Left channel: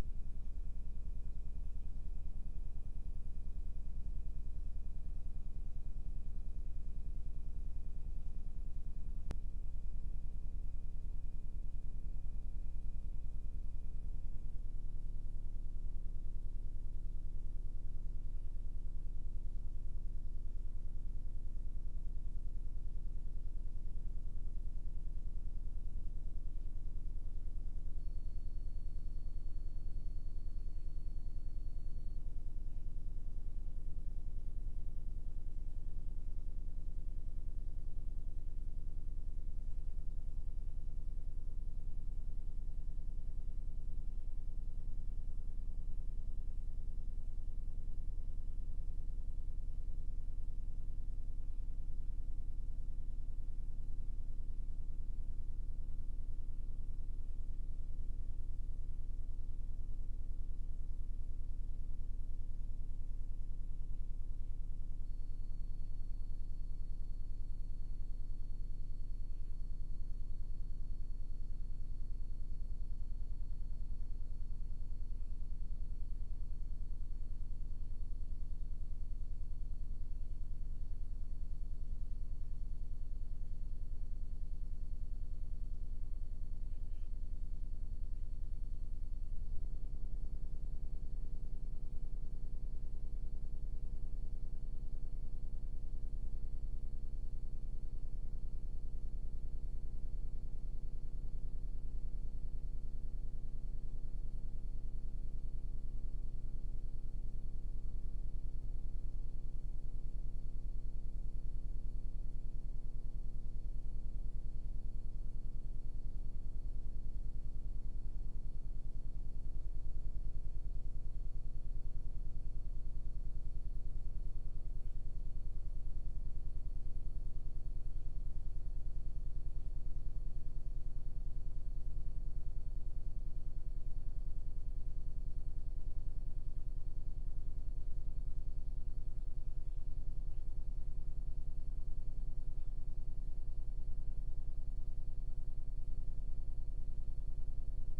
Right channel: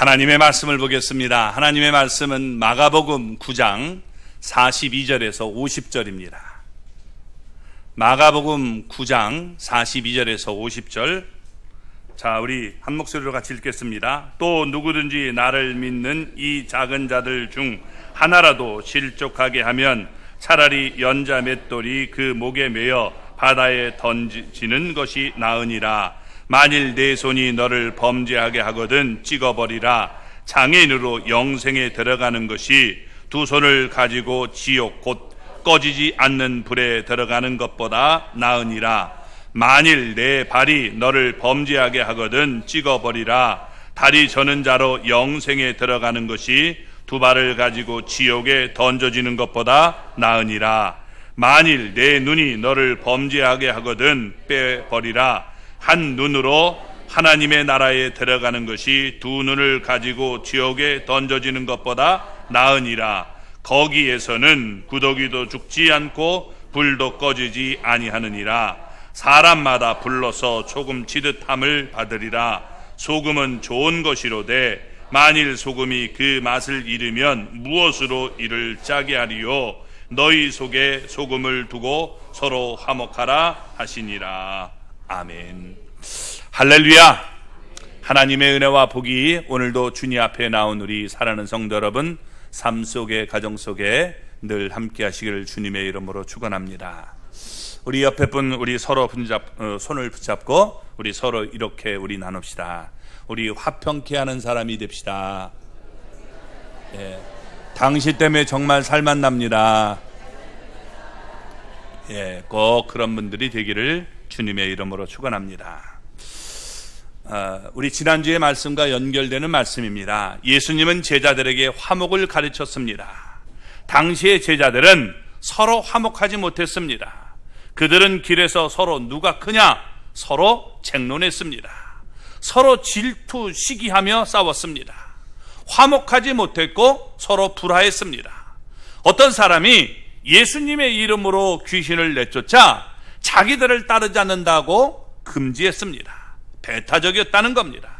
하나님의 말씀을 보겠습니다. 하나님의 말씀은 마가복음 9장 42절에서 50절입니다. 마가복음 9장 42절에서 50절. 자, 우리 한 목소리로 같이 읽겠습니다. 또 누구든지 나를 믿는 이 작은 자들 중 하나라도 실족하게 하면 차라리 연자 맷돌이 그 목에 매어 바다에 던지는 것이 나으니라. 만일 내 손이 너를 범죄하게 하거든 찍어버리라. 장애인으로 영생에 들어가는 것이 두 손을 가지고 지옥 곧 꺼지지 않는 불에 들어가는 것보다 나으니라. 만일 내 발이 너를 범죄하게 하거든 찍어버리라. 다리 저는 자로 영생에 들어가는 것이 두 발을 가지고 지옥에 던져지는 것보다 나으니라. 만일 내 눈이 너를 범죄하게 하거든 빼버리라. 한 눈으로 하나님의 나라에 들어가는 것이 두 눈을 가지고 지옥에 던져지는 것보다 나으니라. 거기에서는 구더기도 죽지 않고 불도 꺼지지 아니하느니라. 사람마다 불러서 조금 지듯함을 받으리라. 소금은 좋은 것이로되 만일 소금이 그 맛을 잃으면 무엇으로 이를 짜게 하리요. 너희 속에 소금을 두고 서로 화목하라 하시니라. 아멘. 할렐루야. 하나님의 은혜와 복이 오늘도 주님 앞에 나온 우리 사랑하는 성도 여러분 삶 속에 가정 속에 늘 함께 하시기를 주님의 이름으로 축원합니다. 우리 옆에 분 우리 서로 손을 붙잡고 우리 서로 이렇게 우리 나눕시다. 우리 화평케 하는 사람이 됩시다. 예. 당신 때문에 정말 살만 납니다. 예, 꼭 그런 분들이 되기를 주님의 이름으로 축원합니다. 우리 지난주의 말씀과 연결되는 말씀입니다. 예수님은 제자들에게 화목을 가르쳤습니다. 당시의 제자들은 서로 화목하지 못했습니다. 그들은 길에서 서로 누가 크냐 서로 쟁론했습니다. 서로 질투 시기하며 싸웠습니다. 화목하지 못했고 서로 불화했습니다. 어떤 사람이 예수님의 이름으로 귀신을 내쫓자 자기들을 따르지 않는다고 금지했습니다. 배타적이었다는 겁니다.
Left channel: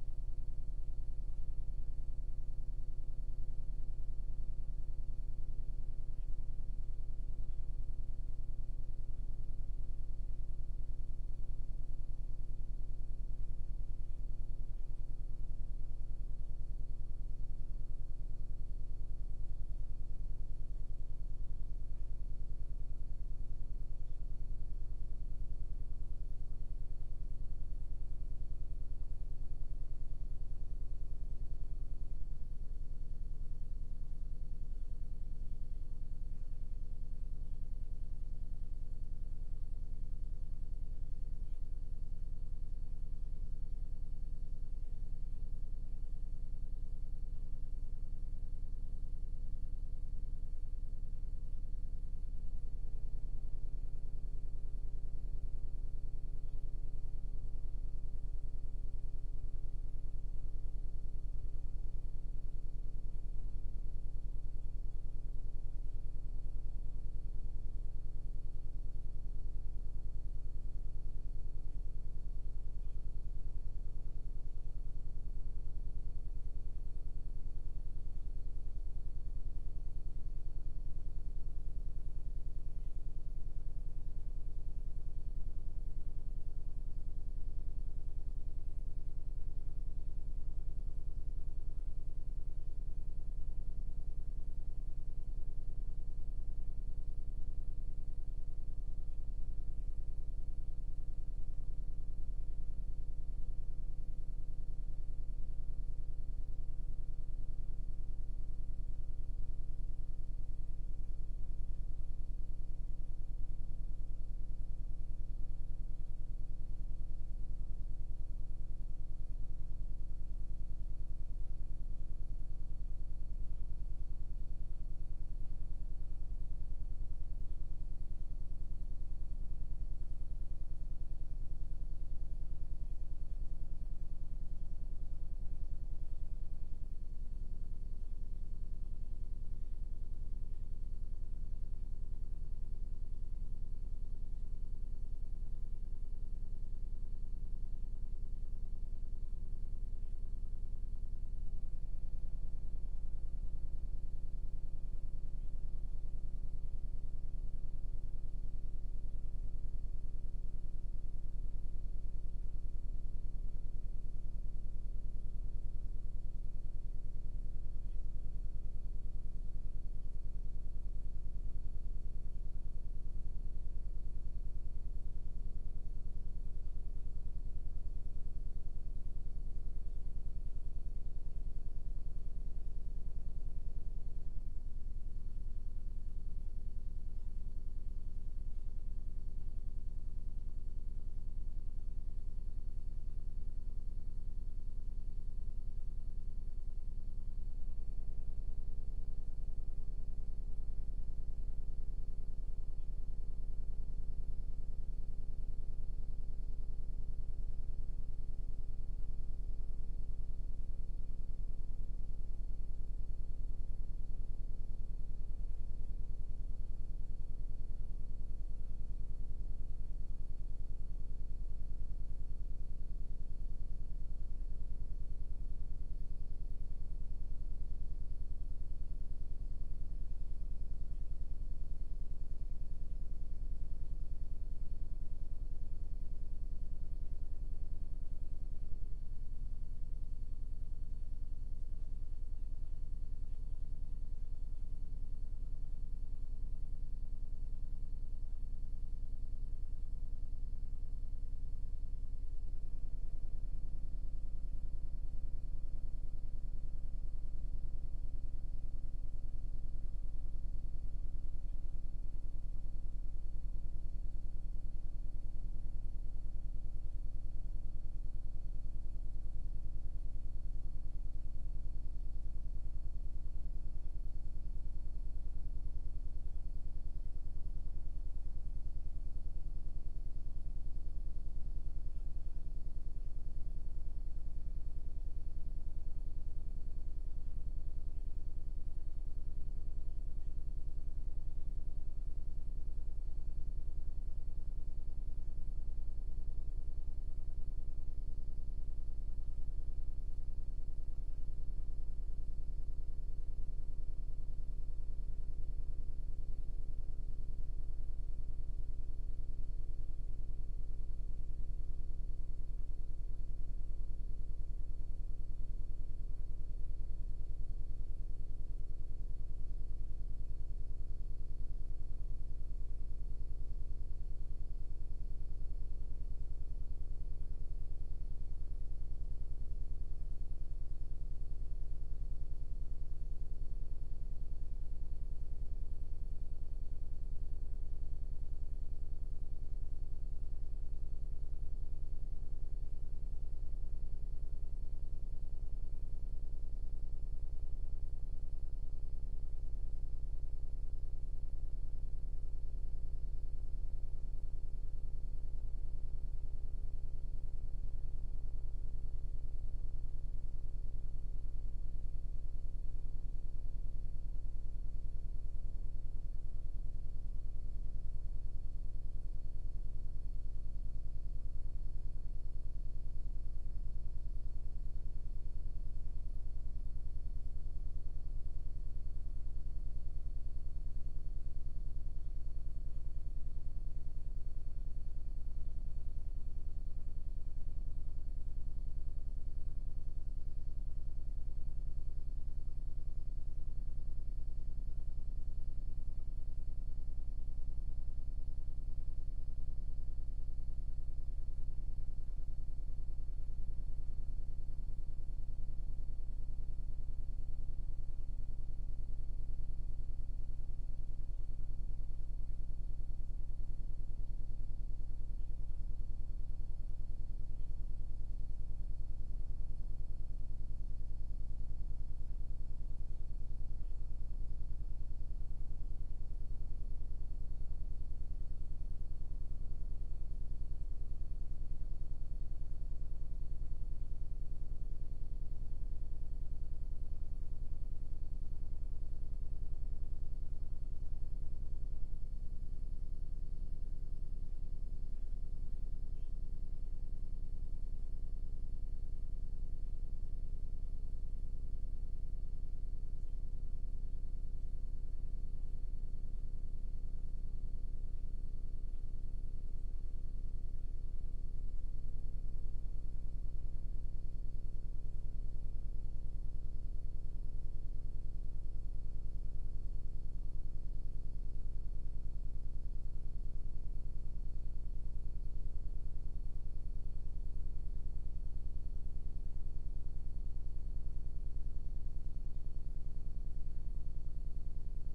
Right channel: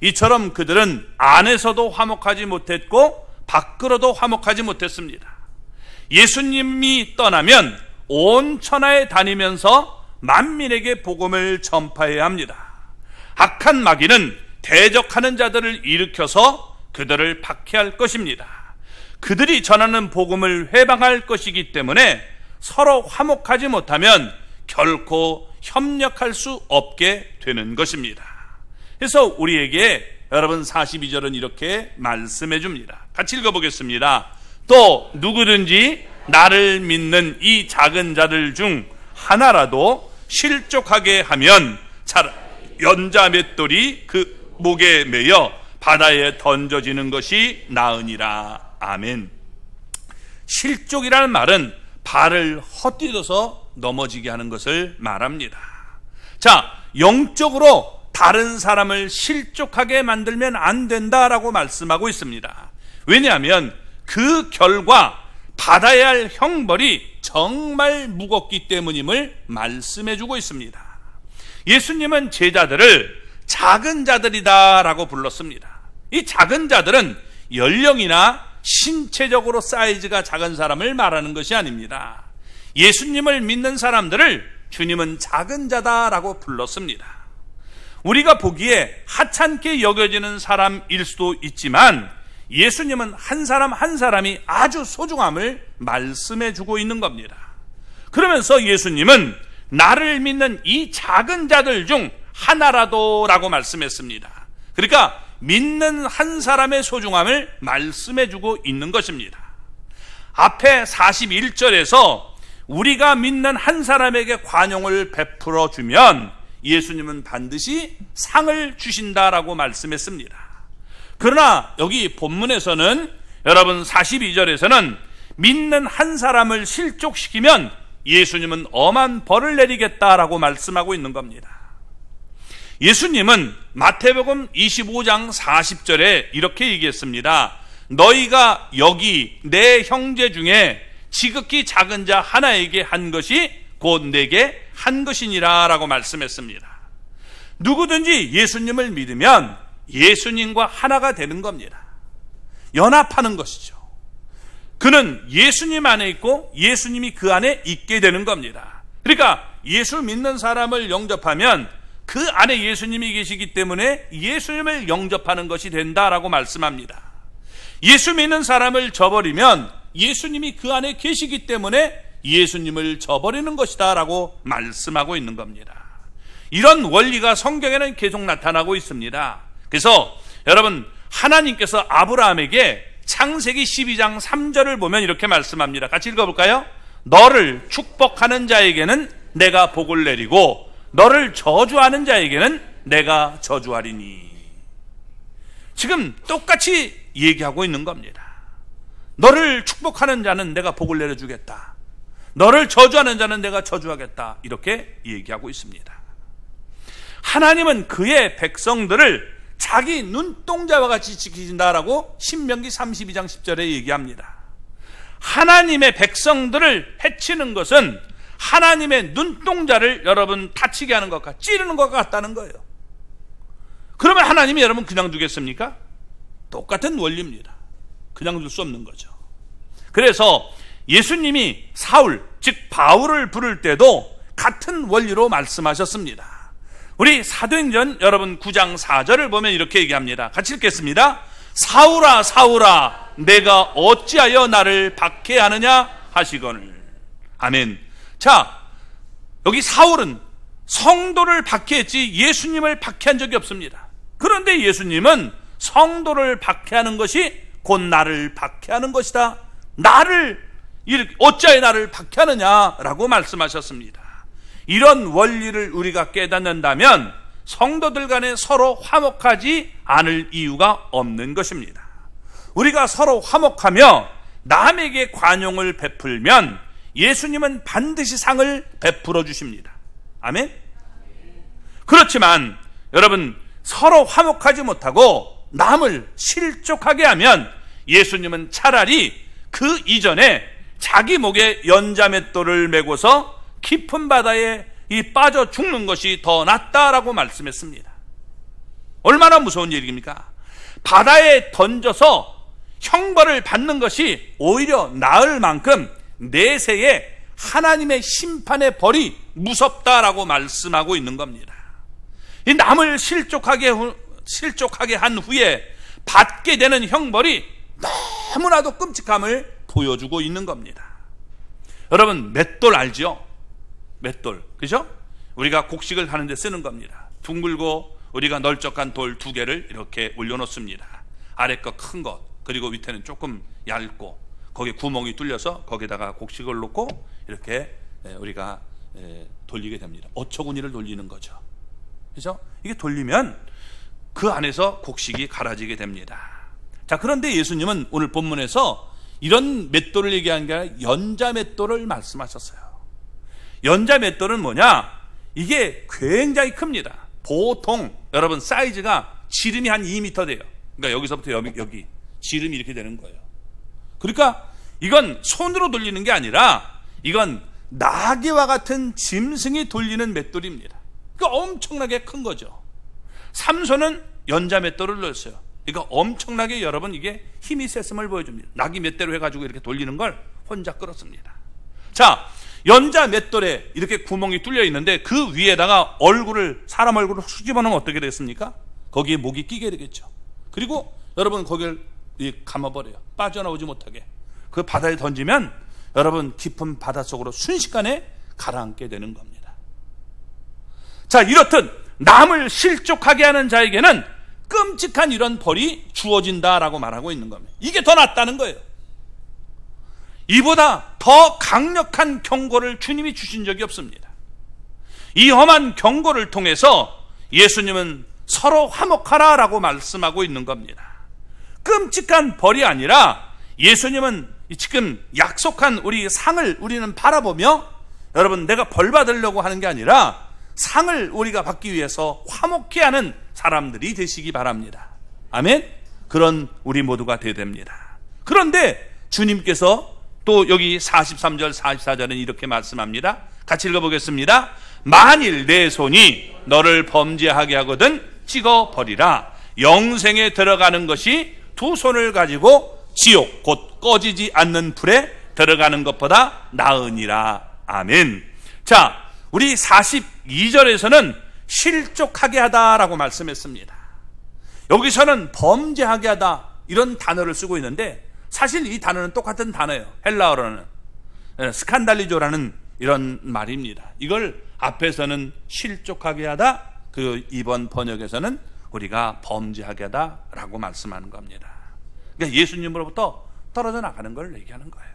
이처럼 그들은 안에서도 화목하지 못했고 밖으로도 화목하지 못했습니다. 예수님이 떠나면 온 천하에 다니면서 만민에게 복음을 전파해야 합니다. 악한 마귀는 대적하는 자들을 일으켜서 그들을 박해할 것입니다. 그들이 전하는 복음을 회방할 것이기 때문에 서로 화목하지 못하면 결코 협력할 수 없게 되는 것입니다. 그래서 우리에게 여러분 42절은 이렇게 말씀해 줍니다. 같이 읽어보겠습니다. 또 누구든지 나를 믿는 이 작은 자들 중 하나라도 실족하게 하면 연자 맷돌이 그 목에 매여 바다에 던져지는 것이 나으니라. 아멘. 실족이라는 말은 발을 헛디뎌서 넘어지게 하는 것을 말합니다. 자, 영적으로 다른 사람을 실족하게 만들면 안 된다라고 말씀하고 있습니다. 왜냐하면 그 결과 받아야 할 형벌이 정말 무겁기 때문임을 말씀해 주고 있습니다. 예수님은 제자들을 작은 자들이다라고 불렀습니다. 이 작은 자들은 연령이나 신체적으로 사이즈가 작은 사람을 말하는 것이 아닙니다. 예수님을 믿는 사람들을 주님은 작은 자다라고 불렀습니다. 우리가 보기에 하찮게 여겨지는 사람일 수도 있지만 예수님은 한 사람 한 사람이 아주 소중함을 말씀해 주고 있는 겁니다. 그러면서 예수님은 나를 믿는 이 작은 자들 중 하나라도 라고 말씀했습니다. 그러니까 믿는 한 사람의 소중함을 말씀해 주고 있는 것입니다. 앞에 41절에서 우리가 믿는 한 사람에게 관용을 베풀어 주면 예수님은 반드시 상을 주신다라고 말씀했습니다. 그러나 여기 본문에서는 여러분 42절에서는 믿는 한 사람을 실족시키면 예수님은 엄한 벌을 내리겠다라고 말씀하고 있는 겁니다. 예수님은 마태복음 25장 40절에 이렇게 얘기했습니다. 너희가 여기 내 형제 중에 지극히 작은 자 하나에게 한 것이 곧 내게 한 것이니라 라고 말씀했습니다. 누구든지 예수님을 믿으면 예수님과 하나가 되는 겁니다. 연합하는 것이죠. 그는 예수님 안에 있고 예수님이 그 안에 있게 되는 겁니다. 그러니까 예수 믿는 사람을 영접하면 그 안에 예수님이 계시기 때문에 예수님을 영접하는 것이 된다라고 말씀합니다. 예수 믿는 사람을 저버리면 예수님이 그 안에 계시기 때문에 예수님을 저버리는 것이다 라고 말씀하고 있는 겁니다. 이런 원리가 성경에는 계속 나타나고 있습니다. 그래서 여러분, 하나님께서 아브라함에게 창세기 12장 3절을 보면 이렇게 말씀합니다. 같이 읽어볼까요? 너를 축복하는 자에게는 내가 복을 내리고 너를 저주하는 자에게는 내가 저주하리니. 지금 똑같이 얘기하고 있는 겁니다. 너를 축복하는 자는 내가 복을 내려주겠다, 너를 저주하는 자는 내가 저주하겠다, 이렇게 얘기하고 있습니다. 하나님은 그의 백성들을 자기 눈동자와 같이 지키신다라고 신명기 32장 10절에 얘기합니다. 하나님의 백성들을 해치는 것은 하나님의 눈동자를 여러분 다치게 하는 것과 찌르는 것 같다는 거예요. 그러면 하나님이 여러분 그냥 두겠습니까? 똑같은 원리입니다. 그냥 둘 수 없는 거죠. 그래서 예수님이 사울, 즉 바울을 부를 때도 같은 원리로 말씀하셨습니다. 우리 사도행전 여러분 9장 4절을 보면 이렇게 얘기합니다. 같이 읽겠습니다. 사울아 사울아 내가 어찌하여 나를 박해하느냐 하시거늘. 아멘. 자, 여기 사울은 성도를 박해했지 예수님을 박해한 적이 없습니다. 그런데 예수님은 성도를 박해하는 것이 곧 나를 박해하는 것이다, 나를 어찌하여 나를 박해하느냐라고 말씀하셨습니다. 이런 원리를 우리가 깨닫는다면 성도들 간에 서로 화목하지 않을 이유가 없는 것입니다. 우리가 서로 화목하며 남에게 관용을 베풀면 예수님은 반드시 상을 베풀어 주십니다. 아멘. 그렇지만 여러분, 서로 화목하지 못하고 남을 실족하게 하면 예수님은 차라리 그 이전에 자기 목에 연자맷돌을 메고서 깊은 바다에 빠져 죽는 것이 더 낫다라고 말씀했습니다. 얼마나 무서운 일입니까? 바다에 던져서 형벌을 받는 것이 오히려 나을 만큼 내세에 하나님의 심판의 벌이 무섭다라고 말씀하고 있는 겁니다. 이 남을 실족하게 한 후에 받게 되는 형벌이 너무나도 끔찍함을 보여주고 있는 겁니다. 여러분, 맷돌 알죠? 맷돌, 그죠? 우리가 곡식을 하는 데 쓰는 겁니다. 둥글고 우리가 널쩍한 돌 2개를 이렇게 올려놓습니다. 아래 거 큰 것, 그리고 밑에는 조금 얇고 거기에 구멍이 뚫려서 거기다가 곡식을 놓고 이렇게 우리가 돌리게 됩니다. 어처구니를 돌리는 거죠. 그죠? 이게 돌리면 그 안에서 곡식이 갈아지게 됩니다. 자, 그런데 예수님은 오늘 본문에서 이런 맷돌을 얘기한 게 아니라 연자 맷돌을 말씀하셨어요. 연자 맷돌은 뭐냐? 이게 굉장히 큽니다. 보통 여러분 사이즈가 지름이 한 2m 돼요. 그러니까 여기서부터 여기 지름이 이렇게 되는 거예요. 그러니까 이건 손으로 돌리는 게 아니라 이건 나귀와 같은 짐승이 돌리는 맷돌입니다. 그러니까 엄청나게 큰 거죠. 삼손은 연자 맷돌을 넣었어요. 그러니까 엄청나게 여러분 이게 힘이 셌음을 보여줍니다. 나귀 맷대로 해가지고 이렇게 돌리는 걸 혼자 끌었습니다. 자, 연자 맷돌에 이렇게 구멍이 뚫려 있는데 그 위에다가 사람 얼굴을 수집어 놓으면 어떻게 되겠습니까? 거기에 목이 끼게 되겠죠. 그리고 여러분 거기를 감아버려요. 빠져나오지 못하게. 그 바다에 던지면 여러분 깊은 바닷속으로 순식간에 가라앉게 되는 겁니다. 자, 이렇듯 남을 실족하게 하는 자에게는 끔찍한 이런 벌이 주어진다라고 말하고 있는 겁니다. 이게 더 낫다는 거예요. 이보다 더 강력한 경고를 주님이 주신 적이 없습니다. 이 험한 경고를 통해서 예수님은 서로 화목하라라고 말씀하고 있는 겁니다. 끔찍한 벌이 아니라 예수님은 지금 약속한 우리 상을 우리는 바라보며 여러분 내가 벌 받으려고 하는 게 아니라 상을 우리가 받기 위해서 화목해 하는 사람들이 되시기 바랍니다. 아멘. 그런 우리 모두가 되어야 됩니다. 그런데 주님께서 또 여기 43절 44절은 이렇게 말씀합니다. 같이 읽어보겠습니다. 만일 내 손이 너를 범죄하게 하거든 찍어버리라. 영생에 들어가는 것이 두 손을 가지고 지옥 곧 꺼지지 않는 불에 들어가는 것보다 나으니라. 아멘. 자, 우리 42절에서는 실족하게 하다라고 말씀했습니다. 여기서는 범죄하게 하다 이런 단어를 쓰고 있는데 사실 이 단어는 똑같은 단어예요. 헬라어로는 스칸달리조라는 이런 말입니다. 이걸 앞에서는 실족하게 하다, 그 이번 번역에서는 우리가 범죄하게 하다라고 말씀하는 겁니다. 그러니까 예수님으로부터 떨어져 나가는 걸 얘기하는 거예요.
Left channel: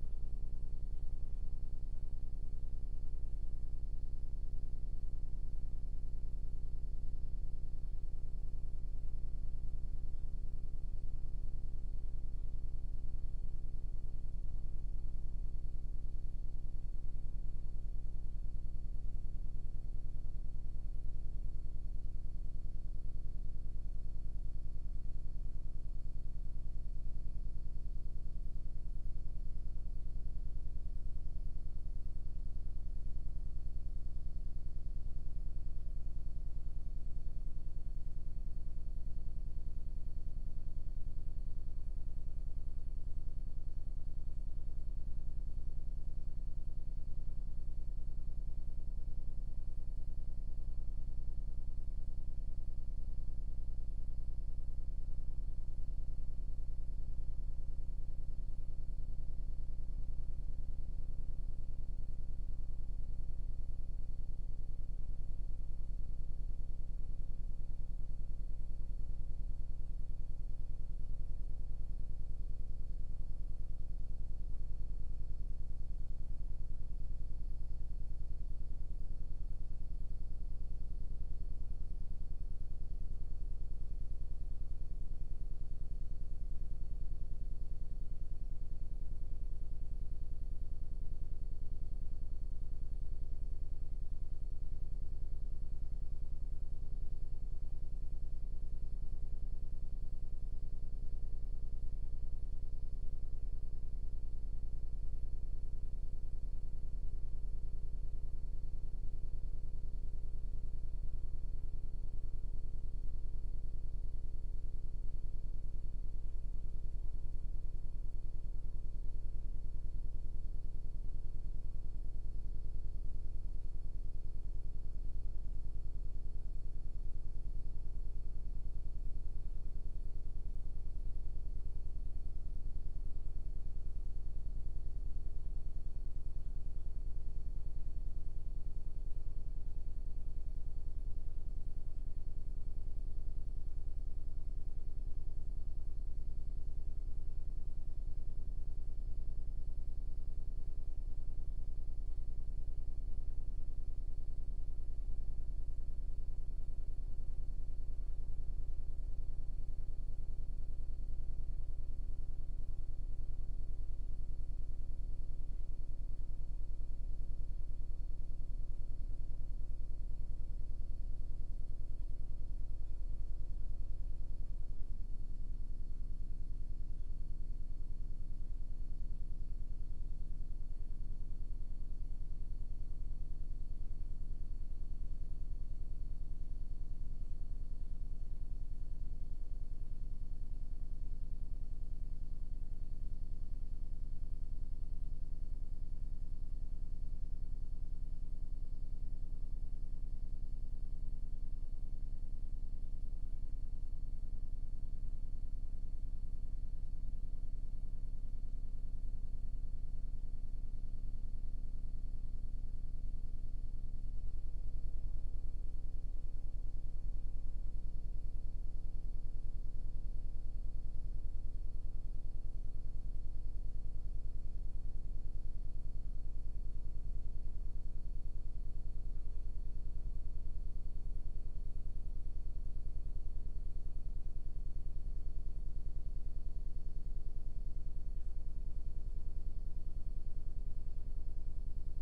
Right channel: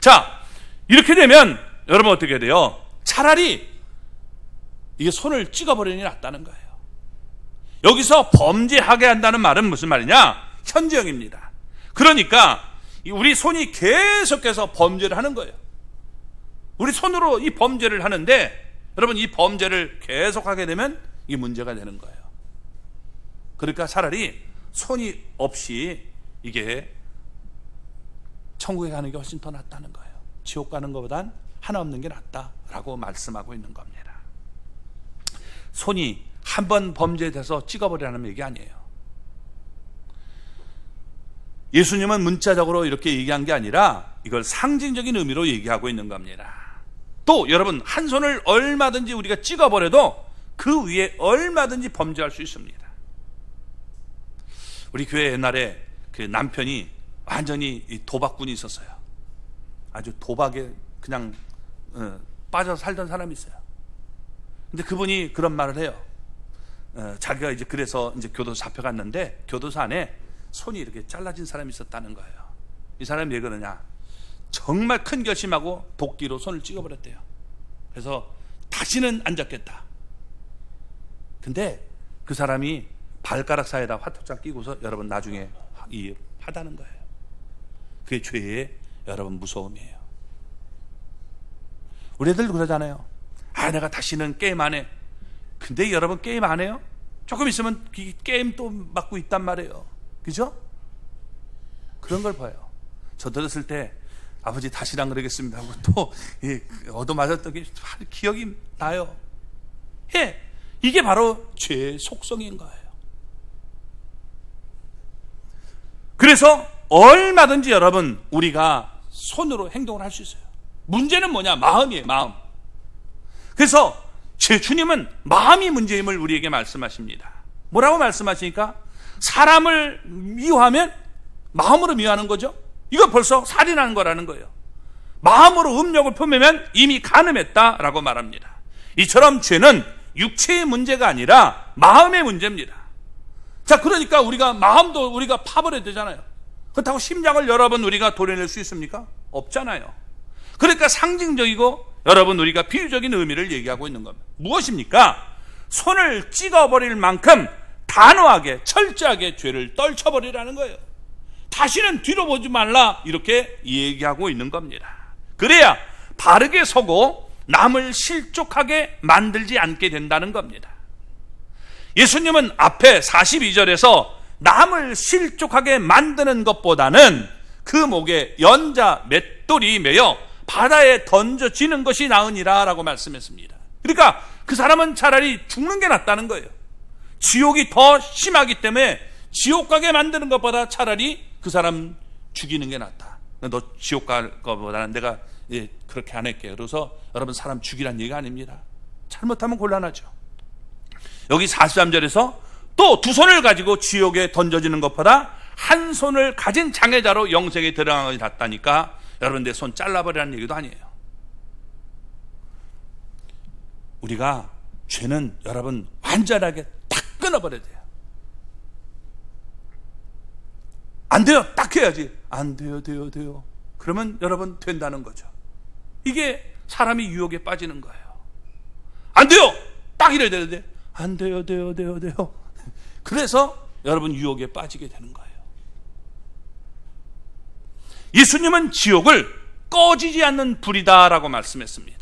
자, 이렇게 되면 여러분 어떻게 돼요? 차라리 이게 손을 찍어버리는 게 낫다는 거예요. 여기서 범죄하게 한다는 말은 무슨 말이냐? 현재형입니다. 그러니까 우리 손이 계속해서 범죄를 하는 거예요. 우리 손으로 이 범죄를 하는데 여러분 이 범죄를 계속하게 되면 이게 문제가 되는 거예요. 그러니까 차라리 손이 없이 이게 천국에 가는 게 훨씬 더 낫다는 거예요. 지옥 가는 것보단 하나 없는 게 낫다라고 말씀하고 있는 겁니다. 손이 한 번 범죄돼서 찍어버리라는 얘기 아니에요. 예수님은 문자적으로 이렇게 얘기한 게 아니라 이걸 상징적인 의미로 얘기하고 있는 겁니다. 또 여러분 한 손을 얼마든지 우리가 찍어버려도 그 위에 얼마든지 범죄할 수 있습니다. 우리 교회 옛날에 그 남편이 완전히 도박꾼이 있었어요. 아주 도박에 그냥 빠져 살던 사람이 있어요. 근데 그분이 그런 말을 해요. 자기가 이제 그래서 이제 교도소 잡혀갔는데 교도소 안에 손이 이렇게 잘라진 사람이 있었다는 거예요. 이 사람이 왜 그러냐? 정말 큰 결심하고 도끼로 손을 찍어버렸대요. 그래서 다시는 안 잡겠다. 근데 그 사람이 발가락 사이에다 화투장 끼고서 여러분 나중에 하다는 거예요. 그게 죄의 여러분 무서움이에요. 우리 애들 그러잖아요. 아, 내가 다시는 게임 안 해. 근데 여러분 게임 안 해요? 조금 있으면 게임 또 맞고 있단 말이에요. 그죠? 그런 걸 봐요. 저 들었을 때 아버지 다시는 안 그러겠습니다 하고 또 얻어맞았던 게 기억이 나요. 예, 이게 바로 죄의 속성인 거예요. 그래서 얼마든지 여러분 우리가 손으로 행동을 할 수 있어요. 문제는 뭐냐? 마음이에요. 마음. 그래서 제 주님은 마음이 문제임을 우리에게 말씀하십니다. 뭐라고 말씀하시니까? 사람을 미워하면 마음으로 미워하는 거죠. 이거 벌써 살인하는 거라는 거예요. 마음으로 음욕을 품으면 이미 간음했다라고 말합니다. 이처럼 죄는 육체의 문제가 아니라 마음의 문제입니다. 자, 그러니까 우리가 마음도 우리가 파버려야 되잖아요. 그렇다고 심장을 여러분 우리가 도려낼 수 있습니까? 없잖아요. 그러니까 상징적이고 여러분 우리가 비유적인 의미를 얘기하고 있는 겁니다. 무엇입니까? 손을 찍어버릴 만큼 단호하게 철저하게 죄를 떨쳐버리라는 거예요. 다시는 뒤로 보지 말라 이렇게 얘기하고 있는 겁니다. 그래야 바르게 서고 남을 실족하게 만들지 않게 된다는 겁니다. 예수님은 앞에 42절에서 남을 실족하게 만드는 것보다는 그 목에 연자 맷돌이 매여 바다에 던져지는 것이 나으니라 라고 말씀했습니다. 그러니까 그 사람은 차라리 죽는 게 낫다는 거예요. 지옥이 더 심하기 때문에 지옥 가게 만드는 것보다 차라리 그 사람 죽이는 게 낫다. 너 지옥 갈 것보다는 내가 그렇게 안 할게요. 그래서 여러분 사람 죽이란 얘기가 아닙니다. 잘못하면 곤란하죠. 여기 43절에서 또 두 손을 가지고 지옥에 던져지는 것보다 한 손을 가진 장애자로 영생에 들어가는 것이 낫다니까 여러분 내 손 잘라버리라는 얘기도 아니에요. 우리가 죄는 여러분 완전하게 딱 끊어버려야 돼요. 안 돼요. 딱 해야지. 안 돼요. 돼요. 그러면 여러분 된다는 거죠. 이게 사람이 유혹에 빠지는 거예요. 안 돼요. 딱 이래야 되는데 안 돼요. 돼요. 그래서 여러분 유혹에 빠지게 되는 거예요. 예수님은 지옥을 꺼지지 않는 불이다라고 말씀했습니다.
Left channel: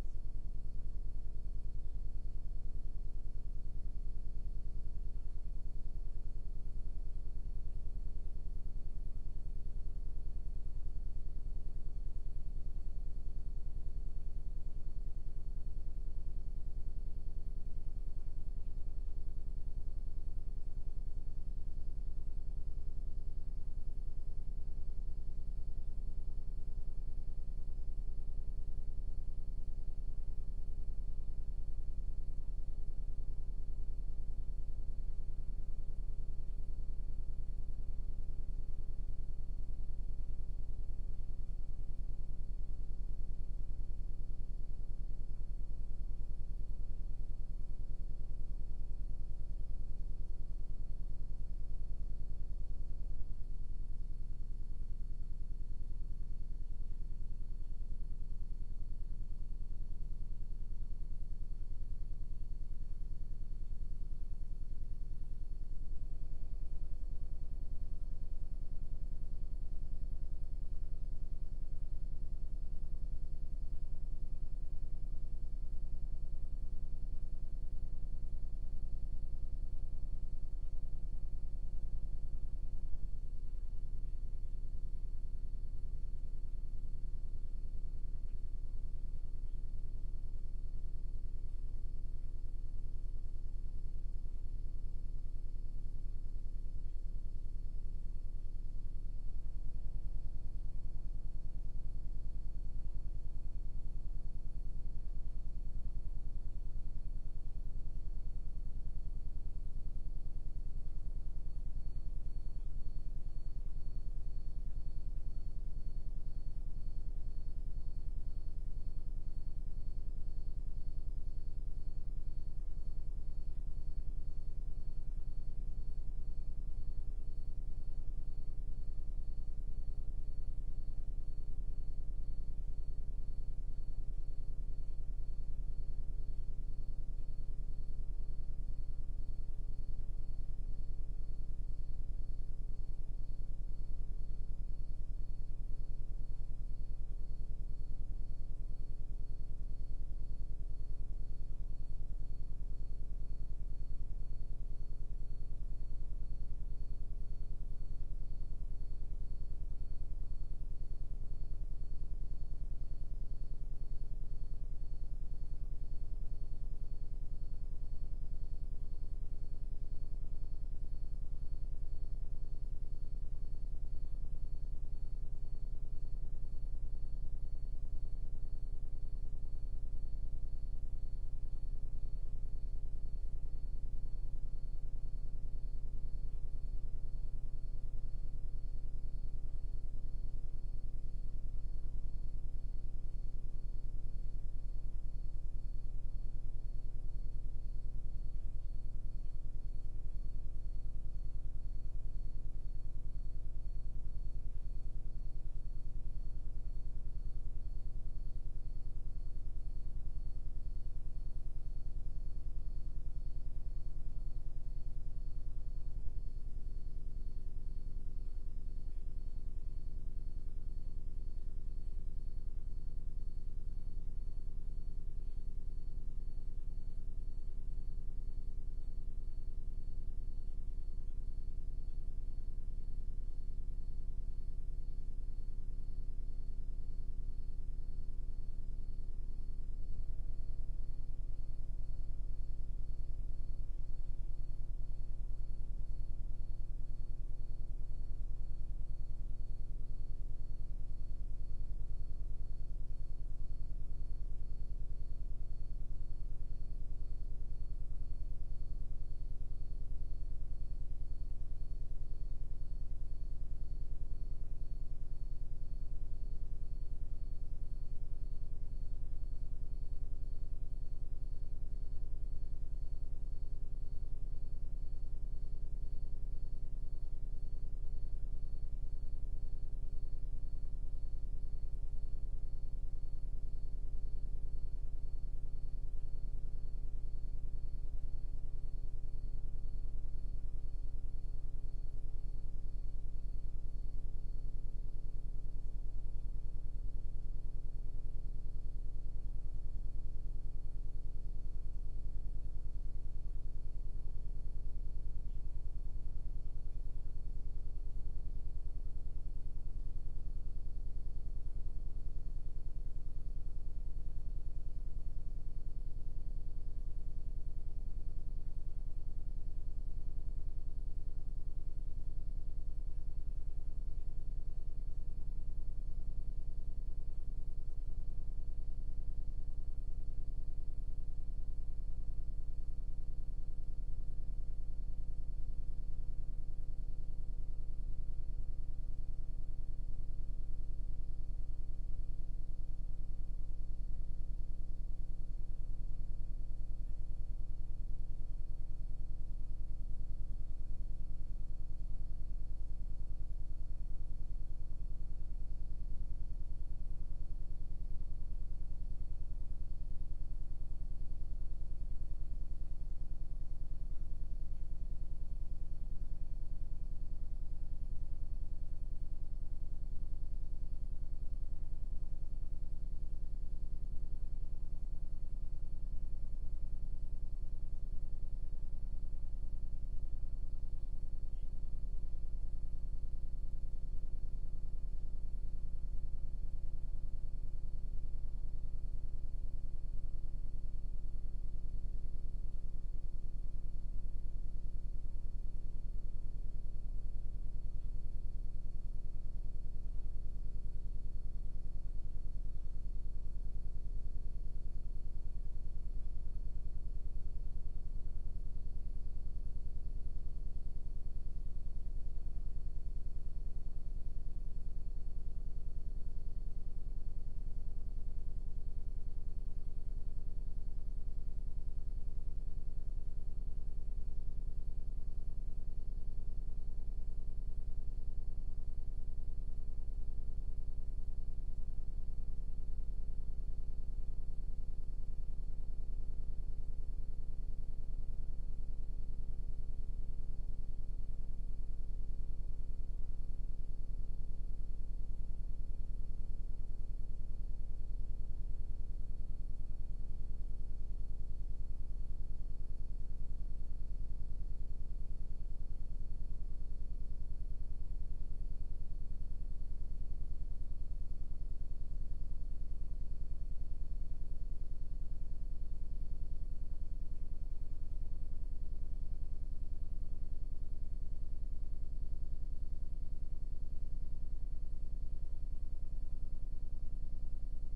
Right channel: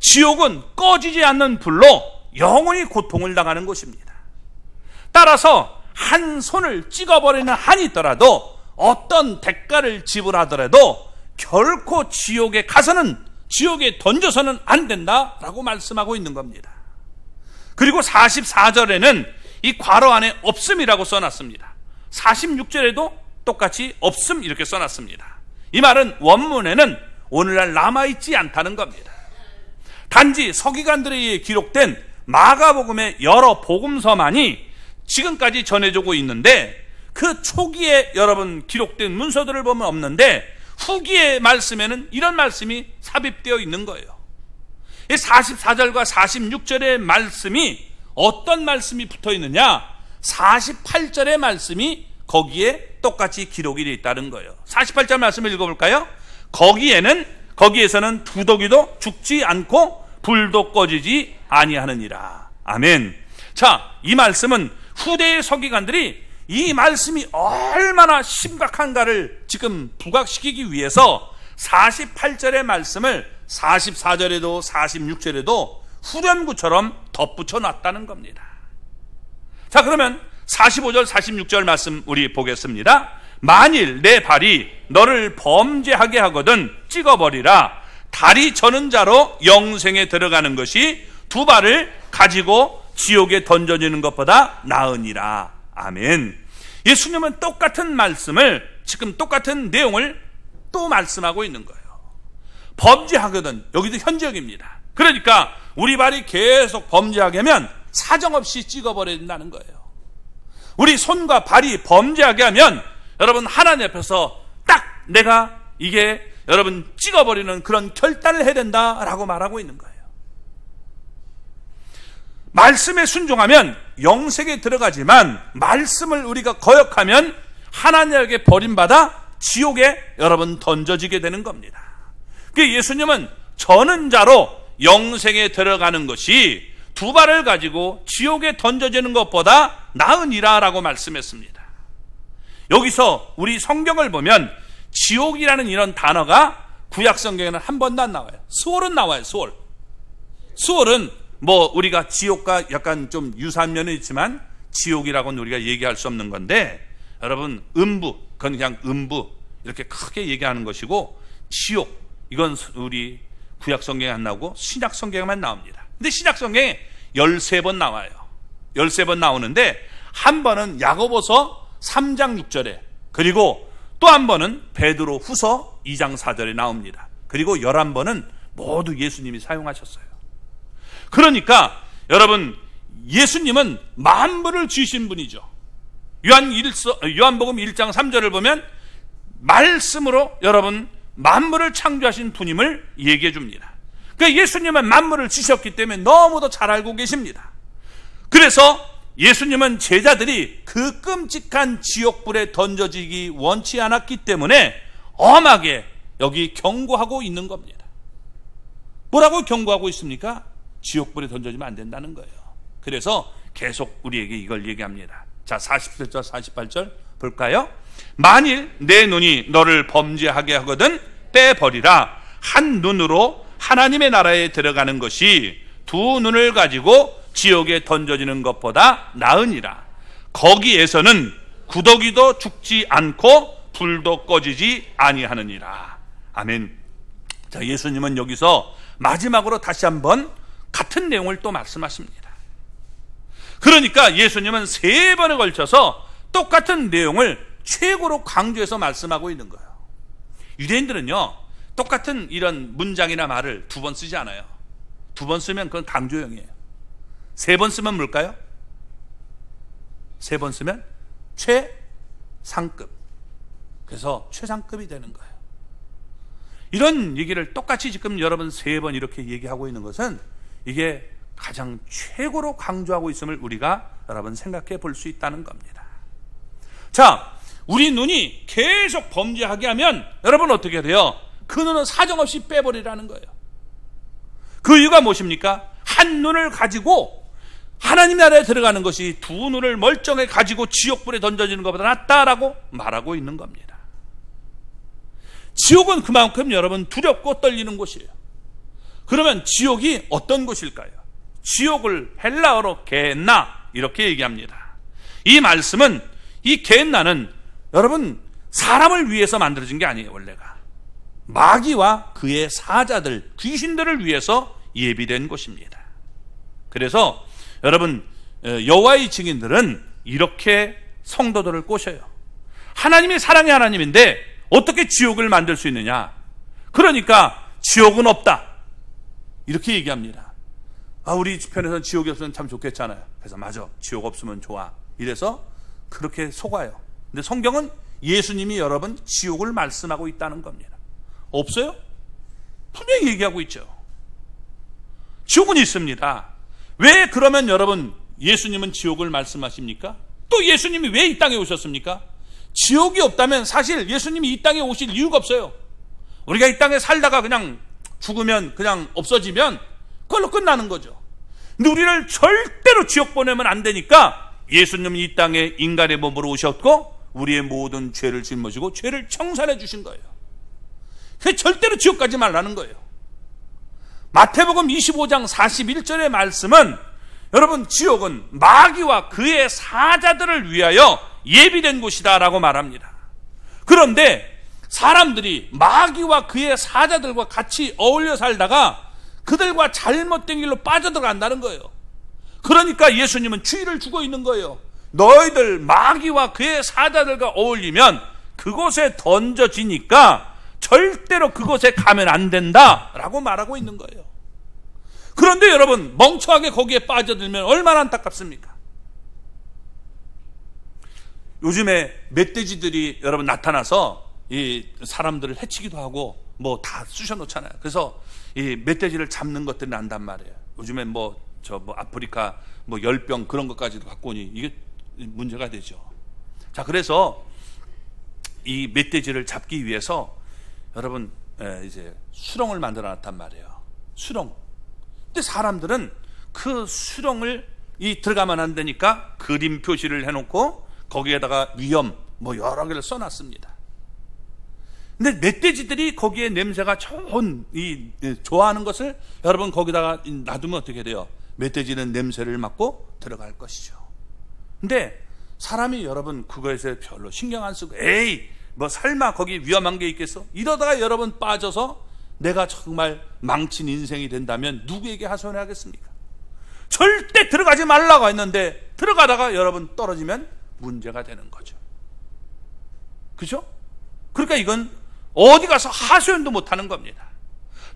지옥은 꺼지지 않는 불로 영원히 고통을 당하는 곳입니다. 따라서 한 손을 찍어버리는 한이 있더라도 어떤 대가를 지불하더라도 결코 지옥에 가서는 지옥에 던져서는 안 된다라고 말씀하고 있는 겁니다. 그리고 44절에는 이 괄호 안에 없음이라고 써놨습니다. 46절에도 똑같이 없음 이렇게 써놨습니다. 이 말은 원문에는 오늘날 남아있지 않다는 겁니다. 단지 서기관들에 의해 기록된 마가복음의 여러 복음서만이 지금까지 전해지고 있는데, 그 초기에 여러분 기록된 문서들을 보면 없는데 후기의 말씀에는 이런 말씀이 삽입되어 있는 거예요. 이 44절과 46절의 말씀이 어떤 말씀이 붙어 있느냐? 48절의 말씀이 거기에 똑같이 기록이 되어 있다는 거예요. 48절 말씀을 읽어볼까요? 거기에서는 두더기도 죽지 않고 불도 꺼지지 아니하느니라. 아멘. 자, 이 말씀은 후대의 서기관들이 이 말씀이 얼마나 심각한가를 지금 부각시키기 위해서 48절의 말씀을 44절에도 46절에도 후렴구처럼 덧붙여 놨다는 겁니다. 자, 그러면 45절 46절 말씀 우리 보겠습니다. 만일 내 발이 너를 범죄하게 하거든 찍어버리라. 다리 저는 자로 영생에 들어가는 것이 두 발을 가지고 지옥에 던져지는 것보다 나으니라. 아멘. 예수님은 똑같은 말씀을, 지금 똑같은 내용을 또 말씀하고 있는 거예요. 범죄하거든, 여기도 현재형입니다. 그러니까 우리 발이 계속 범죄하게 하면 사정없이 찍어버려야 된다는 거예요. 우리 손과 발이 범죄하게 하면 여러분 하나님 앞에서 딱 내가 이게 여러분 찍어버리는 그런 결단을 해야 된다라고 말하고 있는 거예요. 말씀에 순종하면 영생에 들어가지만 말씀을 우리가 거역하면 하나님에게 버림받아 지옥에 여러분 던져지게 되는 겁니다. 그 예수님은 저는 자로 영생에 들어가는 것이 두 발을 가지고 지옥에 던져지는 것보다 나으니라 라고 말씀했습니다. 여기서 우리 성경을 보면 지옥이라는 이런 단어가 구약 성경에는 한 번도 안 나와요. 수월은 나와요. 수월은 뭐 우리가 지옥과 약간 좀 유사한 면은 있지만 지옥이라고는 우리가 얘기할 수 없는 건데, 여러분 음부, 그건 그냥 음부 이렇게 크게 얘기하는 것이고, 지옥 이건 우리 구약 성경에 안 나오고 신약 성경에만 나옵니다. 근데 신약 성경에 13번 나와요. 13번 나오는데 한 번은 야고보서 3장 6절에, 그리고 또 한 번은 베드로 후서 2장 4절에 나옵니다. 그리고 11번은 모두 예수님이 사용하셨어요. 그러니까 여러분 예수님은 만물을 지으신 분이죠. 요한복음 1장 3절을 보면 말씀으로 여러분 만물을 창조하신 분임을 얘기해 줍니다. 그러니까 예수님은 만물을 지으셨기 때문에 너무도 잘 알고 계십니다. 그래서 예수님은 제자들이 그 끔찍한 지옥불에 던져지기 원치 않았기 때문에 엄하게 여기 경고하고 있는 겁니다. 뭐라고 경고하고 있습니까? 지옥불에 던져지면 안 된다는 거예요. 그래서 계속 우리에게 이걸 얘기합니다. 자, 47절 48절 볼까요? 만일 내 눈이 너를 범죄하게 하거든 빼버리라. 한 눈으로 하나님의 나라에 들어가는 것이 두 눈을 가지고 지옥에 던져지는 것보다 나으니라. 거기에서는 구더기도 죽지 않고 불도 꺼지지 아니하느니라. 아멘. 자, 예수님은 여기서 마지막으로 다시 한번 같은 내용을 또 말씀하십니다. 그러니까 예수님은 3번에 걸쳐서 똑같은 내용을 최고로 강조해서 말씀하고 있는 거예요. 유대인들은요, 똑같은 이런 문장이나 말을 2번 쓰지 않아요. 2번 쓰면 그건 강조형이에요. 3번 쓰면 뭘까요? 3번 쓰면 최상급. 그래서 최상급이 되는 거예요. 이런 얘기를 똑같이 지금 여러분 3번 이렇게 얘기하고 있는 것은 이게 가장 최고로 강조하고 있음을 우리가 여러분 생각해 볼 수 있다는 겁니다. 자, 우리 눈이 계속 범죄하게 하면 여러분 어떻게 돼요? 그 눈은 사정없이 빼버리라는 거예요. 그 이유가 무엇입니까? 한 눈을 가지고 하나님 나라에 들어가는 것이 두 눈을 멀쩡히 가지고 지옥불에 던져지는 것보다 낫다라고 말하고 있는 겁니다. 지옥은 그만큼 여러분 두렵고 떨리는 곳이에요. 그러면 지옥이 어떤 곳일까요? 지옥을 헬라어로 게헨나 이렇게 얘기합니다. 이 말씀은 이 게헨나는 여러분 사람을 위해서 만들어진 게 아니에요. 원래가 마귀와 그의 사자들, 귀신들을 위해서 예비된 곳입니다. 그래서 여러분 여호와의 증인들은 이렇게 성도들을 꼬셔요. 하나님이 사랑의 하나님인데 어떻게 지옥을 만들 수 있느냐? 그러니까 지옥은 없다, 이렇게 얘기합니다. 우리 편에서는 지옥이 없으면 참 좋겠잖아요. 그래서 맞아, 지옥 없으면 좋아, 이래서 그렇게 속아요. 근데 성경은 예수님이 여러분 지옥을 말씀하고 있다는 겁니다. 없어요? 분명히 얘기하고 있죠. 지옥은 있습니다. 왜 그러면 여러분 예수님은 지옥을 말씀하십니까? 또 예수님이 왜 이 땅에 오셨습니까? 지옥이 없다면 사실 예수님이 이 땅에 오실 이유가 없어요. 우리가 이 땅에 살다가 그냥 죽으면, 그냥 없어지면 그걸로 끝나는 거죠. 근데 우리를 절대로 지옥 보내면 안 되니까 예수님은 이 땅에 인간의 몸으로 오셨고 우리의 모든 죄를 짊어지고 죄를 청산해 주신 거예요. 그게 절대로 지옥 가지 말라는 거예요. 마태복음 25장 41절의 말씀은 여러분 지옥은 마귀와 그의 사자들을 위하여 예비된 곳이다 라고 말합니다. 그런데 사람들이 마귀와 그의 사자들과 같이 어울려 살다가 그들과 잘못된 길로 빠져들어간다는 거예요. 그러니까 예수님은 주의를 주고 있는 거예요. 너희들 마귀와 그의 사자들과 어울리면 그곳에 던져지니까 절대로 그곳에 가면 안 된다 라고 말하고 있는 거예요. 그런데 여러분 멍청하게 거기에 빠져들면 얼마나 안타깝습니까? 요즘에 멧돼지들이 여러분 나타나서 이 사람들을 해치기도 하고 뭐 다 쑤셔놓잖아요. 그래서 이 멧돼지를 잡는 것들이 난단 말이에요. 요즘에 아프리카 열병 그런 것까지도 갖고 오니 이게 문제가 되죠. 자, 그래서 이 멧돼지를 잡기 위해서 여러분 이제 수렁을 만들어 놨단 말이에요. 수렁. 근데 사람들은 그 수렁을 들어가면 안 되니까 그림 표시를 해놓고 거기에다가 위험 여러 개를 써놨습니다. 근데 멧돼지들이 거기에 냄새가 좋아하는 것을 여러분 거기다가 놔두면 어떻게 돼요? 멧돼지는 냄새를 맡고 들어갈 것이죠. 근데 사람이 여러분 그거에서 별로 신경 안 쓰고 에이 설마 거기 위험한 게 있겠어? 이러다가 여러분 빠져서 내가 정말 망친 인생이 된다면 누구에게 하소연하겠습니까? 절대 들어가지 말라고 했는데 들어가다가 여러분 떨어지면 문제가 되는 거죠. 그죠? 그러니까 이건 어디 가서 하소연도 못하는 겁니다.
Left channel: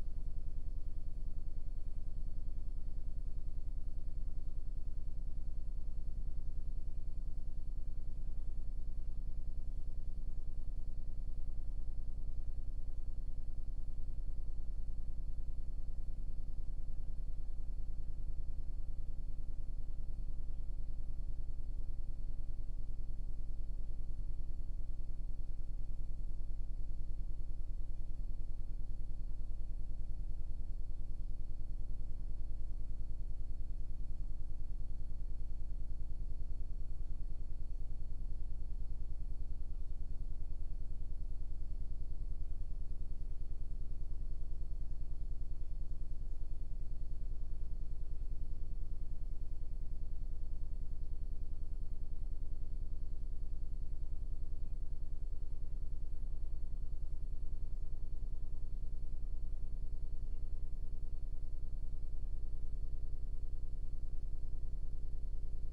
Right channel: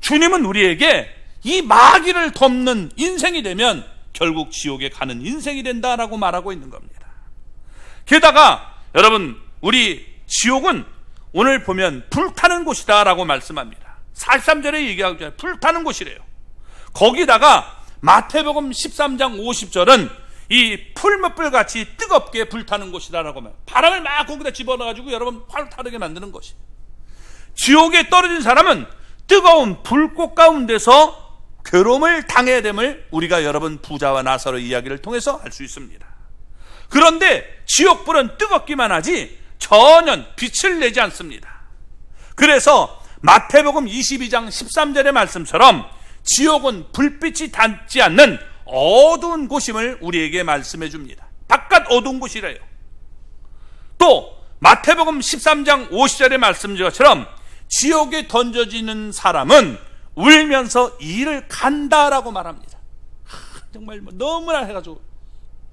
주님은 우리에게 이 마귀를 덮는 인생이 되면 결국 지옥에 가는 인생이 된다라고 말하고 있는 겁니다. 게다가 여러분 우리 지옥은 오늘 보면 불타는 곳이다 라고 말씀합니다. 43절에 얘기하고 있잖아요. 불타는 곳이래요. 거기다가 마태복음 13장 50절은 이 풀무불같이 뜨겁게 불타는 곳이다 라고 말해요. 바람을 막 거기다 집어넣어가지고 여러분 활 타르게 만드는 것이에요. 지옥에 떨어진 사람은 뜨거운 불꽃 가운데서 괴로움을 당해야 됨을 우리가 여러분 부자와 나사로 이야기를 통해서 알 수 있습니다. 그런데 지옥불은 뜨겁기만 하지 전혀 빛을 내지 않습니다. 그래서 마태복음 22장 13절의 말씀처럼 지옥은 불빛이 닿지 않는 어두운 곳임을 우리에게 말씀해 줍니다. 바깥 어두운 곳이래요. 또 마태복음 13장 50절의 말씀처럼 지옥에 던져지는 사람은 울면서 이를 간다라고 말합니다. 정말 너무나 해가지고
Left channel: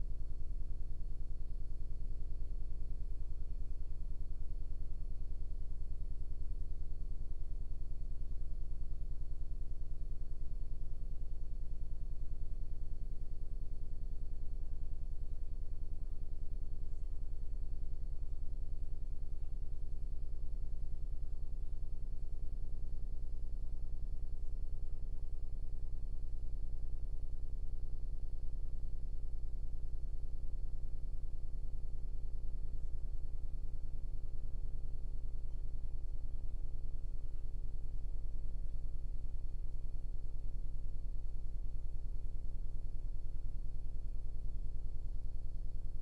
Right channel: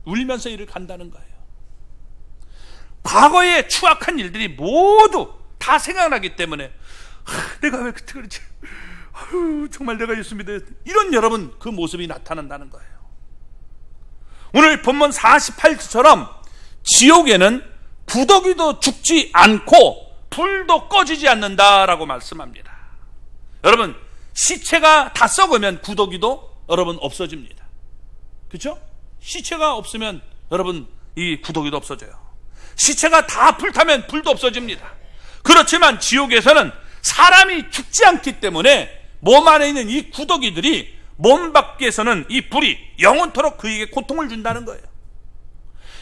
울면서 이를 간다는 거예요. 과거의 추악한 일들이 모두 다 생각나기 때문에 내가 왜 그때 그러지? 정말 내가 예수 믿어야 돼. 이런 여러분 그 모습이 나타난다는 거예요. 오늘 본문 48절처럼 지옥에는 구더기도 죽지 않고 불도 꺼지지 않는다라고 말씀합니다. 여러분 시체가 다 썩으면 구더기도 여러분 없어집니다. 그렇죠? 시체가 없으면 여러분 이 구더기도 없어져요. 시체가 다 불타면 불도 없어집니다. 그렇지만 지옥에서는 사람이 죽지 않기 때문에 몸 안에 있는 이 구더기들이 몸 밖에서는 이 불이 영원토록 그에게 고통을 준다는 거예요.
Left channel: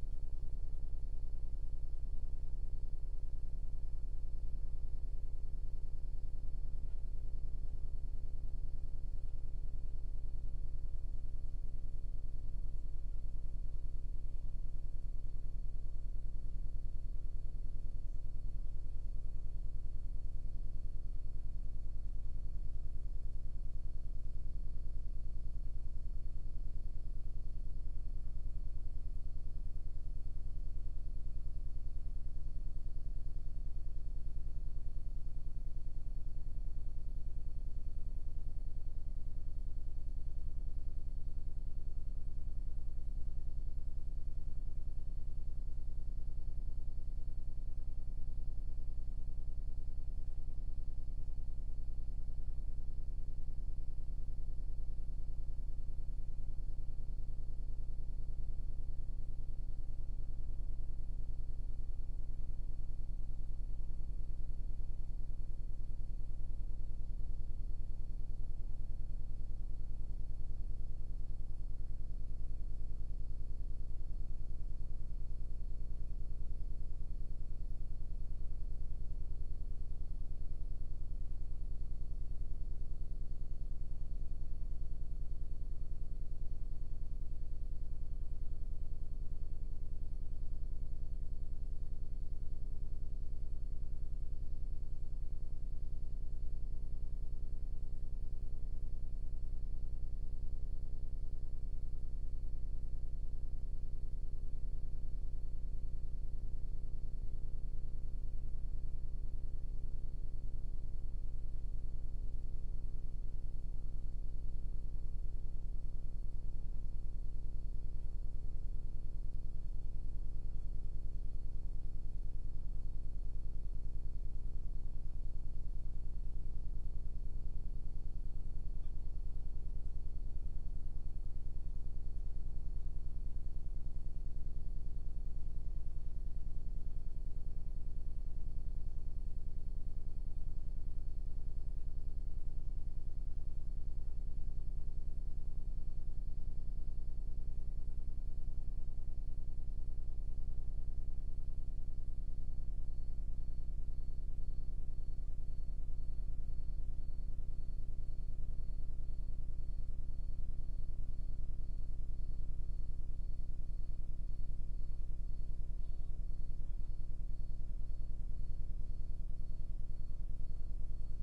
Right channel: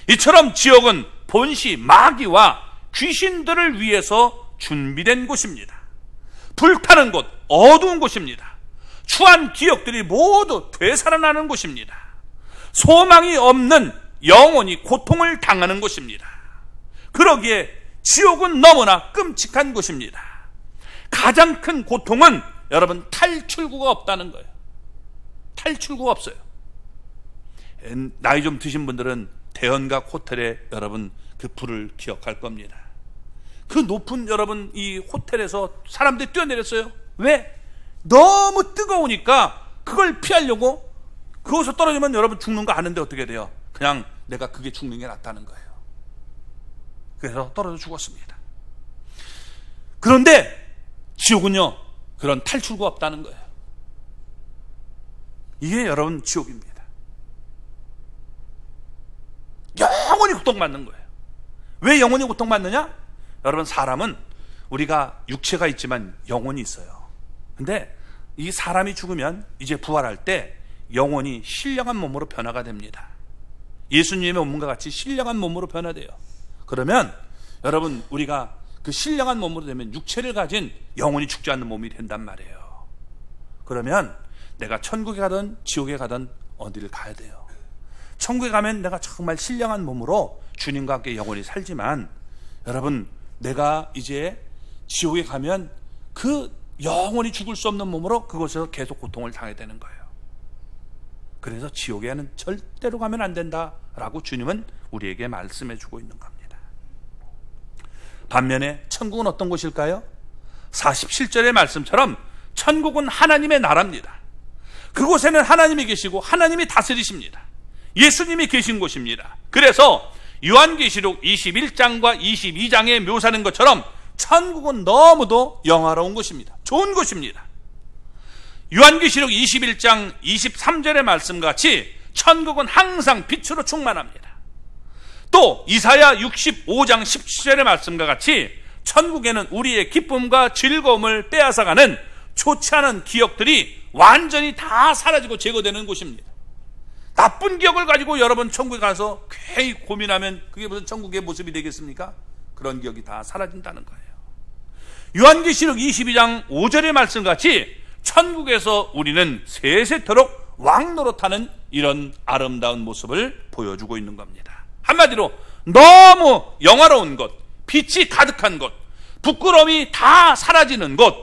이처럼 지옥은 본시 마귀와 귀신들을 위해서 준비된 곳입니다. 불타는 곳, 어두운 곳입니다. 추한 기억들이 모두 되살아나는 곳입니다. 소망이 없는 영혼이 고통을 당하는 곳입니다. 그러기에 지옥은 너무나 끔찍한 곳입니다. 가장 큰 고통은 여러분 탈출구가 없다는 거예요. 탈출구가 없어요. 나이 좀 드신 분들은 대연각 호텔에 여러분 그 불을 기억할 겁니다. 그 높은 여러분 이 호텔에서 사람들이 뛰어내렸어요. 왜? 너무 뜨거우니까 그걸 피하려고. 그것서 떨어지면 여러분 죽는 거 아는데 어떻게 돼요? 그냥 내가 그게 죽는 게 낫다는 거예요. 그래서 떨어져 죽었습니다. 그런데 지옥은요, 그런 탈출구가 없다는 거예요. 이게 여러분 지옥입니다. 영원히 고통받는 거예요. 왜 영원히 고통받느냐? 여러분, 사람은 우리가 육체가 있지만 영혼이 있어요. 근데 이 사람이 죽으면 이제 부활할 때 영혼이 신령한 몸으로 변화가 됩니다. 예수님의 몸과 같이 신령한 몸으로 변화돼요. 그러면 여러분, 우리가 그 신령한 몸으로 되면 육체를 가진 영혼이 죽지 않는 몸이 된단 말이에요. 그러면 내가 천국에 가든 지옥에 가든 어디를 가야 돼요. 천국에 가면 내가 정말 신령한 몸으로 주님과 함께 영원히 살지만, 여러분, 내가 이제 지옥에 가면 그 영원히 죽을 수 없는 몸으로 그곳에서 계속 고통을 당해야 되는 거예요. 그래서 지옥에는 절대로 가면 안 된다라고 주님은 우리에게 말씀해 주고 있는 겁니다. 반면에 천국은 어떤 곳일까요? 47절의 말씀처럼 천국은 하나님의 나라입니다. 그곳에는 하나님이 계시고 하나님이 다스리십니다. 예수님이 계신 곳입니다. 그래서 요한계시록 21장과 22장에 묘사하는 것처럼 천국은 너무도 영화로운 곳입니다. 좋은 곳입니다. 요한계시록 21장 23절의 말씀과 같이 천국은 항상 빛으로 충만합니다. 또 이사야 65장 17절의 말씀과 같이 천국에는 우리의 기쁨과 즐거움을 빼앗아가는 좋지 않은 기억들이 완전히 다 사라지고 제거되는 곳입니다. 나쁜 기억을 가지고 여러분 천국에 가서 괜히 고민하면 그게 무슨 천국의 모습이 되겠습니까? 그런 기억이 다 사라진다는 거예요. 요한계시록 22장 5절의 말씀같이 천국에서 우리는 세세토록 왕노릇하는 이런 아름다운 모습을 보여주고 있는 겁니다. 한마디로 너무 영화로운 곳, 빛이 가득한 곳, 부끄러움이 다 사라지는 곳,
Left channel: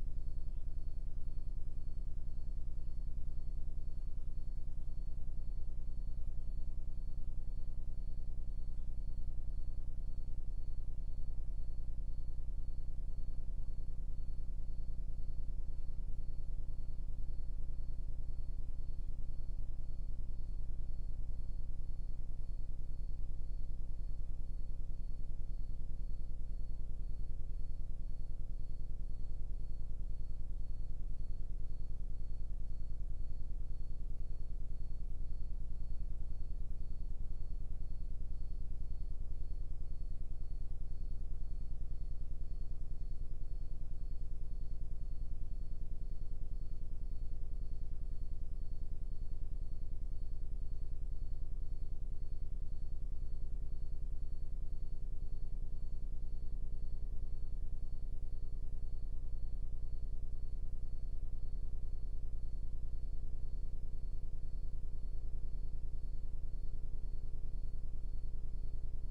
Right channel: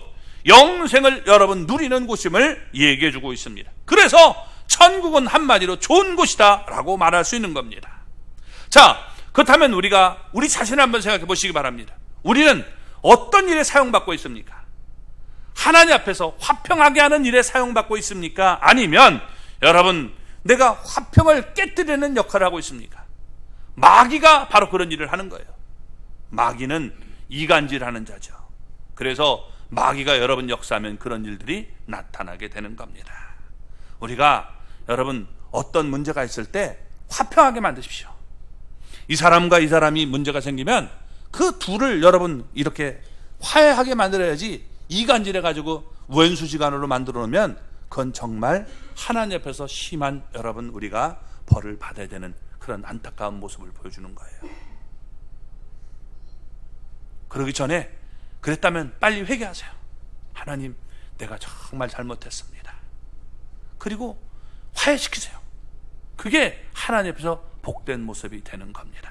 영생을 여러분 누리는 곳임을 얘기해 주고 있습니다. 그래서 천국은 한마디로 좋은 곳이다 라고 말할 수 있는 겁니다. 자, 그렇다면 우리가 우리 자신을 한번 생각해 보시기 바랍니다. 우리는 어떤 일에 사용받고 있습니까? 하나님 앞에서 화평하게 하는 일에 사용받고 있습니까? 아니면 여러분 내가 화평을 깨뜨리는 역할을 하고 있습니까? 마귀가 바로 그런 일을 하는 거예요. 마귀는 이간질하는 자죠. 그래서 마귀가 여러분 역사하면 그런 일들이 나타나게 되는 겁니다. 우리가 여러분 어떤 문제가 있을 때 화평하게 만드십시오. 이 사람과 이 사람이 문제가 생기면 그 둘을 여러분 이렇게 화해하게 만들어야지, 이간질해가지고 왼수지간으로 만들어 놓으면 그건 정말 하나님 앞에서 심한 여러분 우리가 벌을 받아야 되는 그런 안타까운 모습을 보여주는 거예요. 그러기 전에 그랬다면 빨리 회개하세요. 하나님, 내가 정말 잘못했습니다. 그리고 화해시키세요. 그게 하나님 앞에서 복된 모습이 되는 겁니다.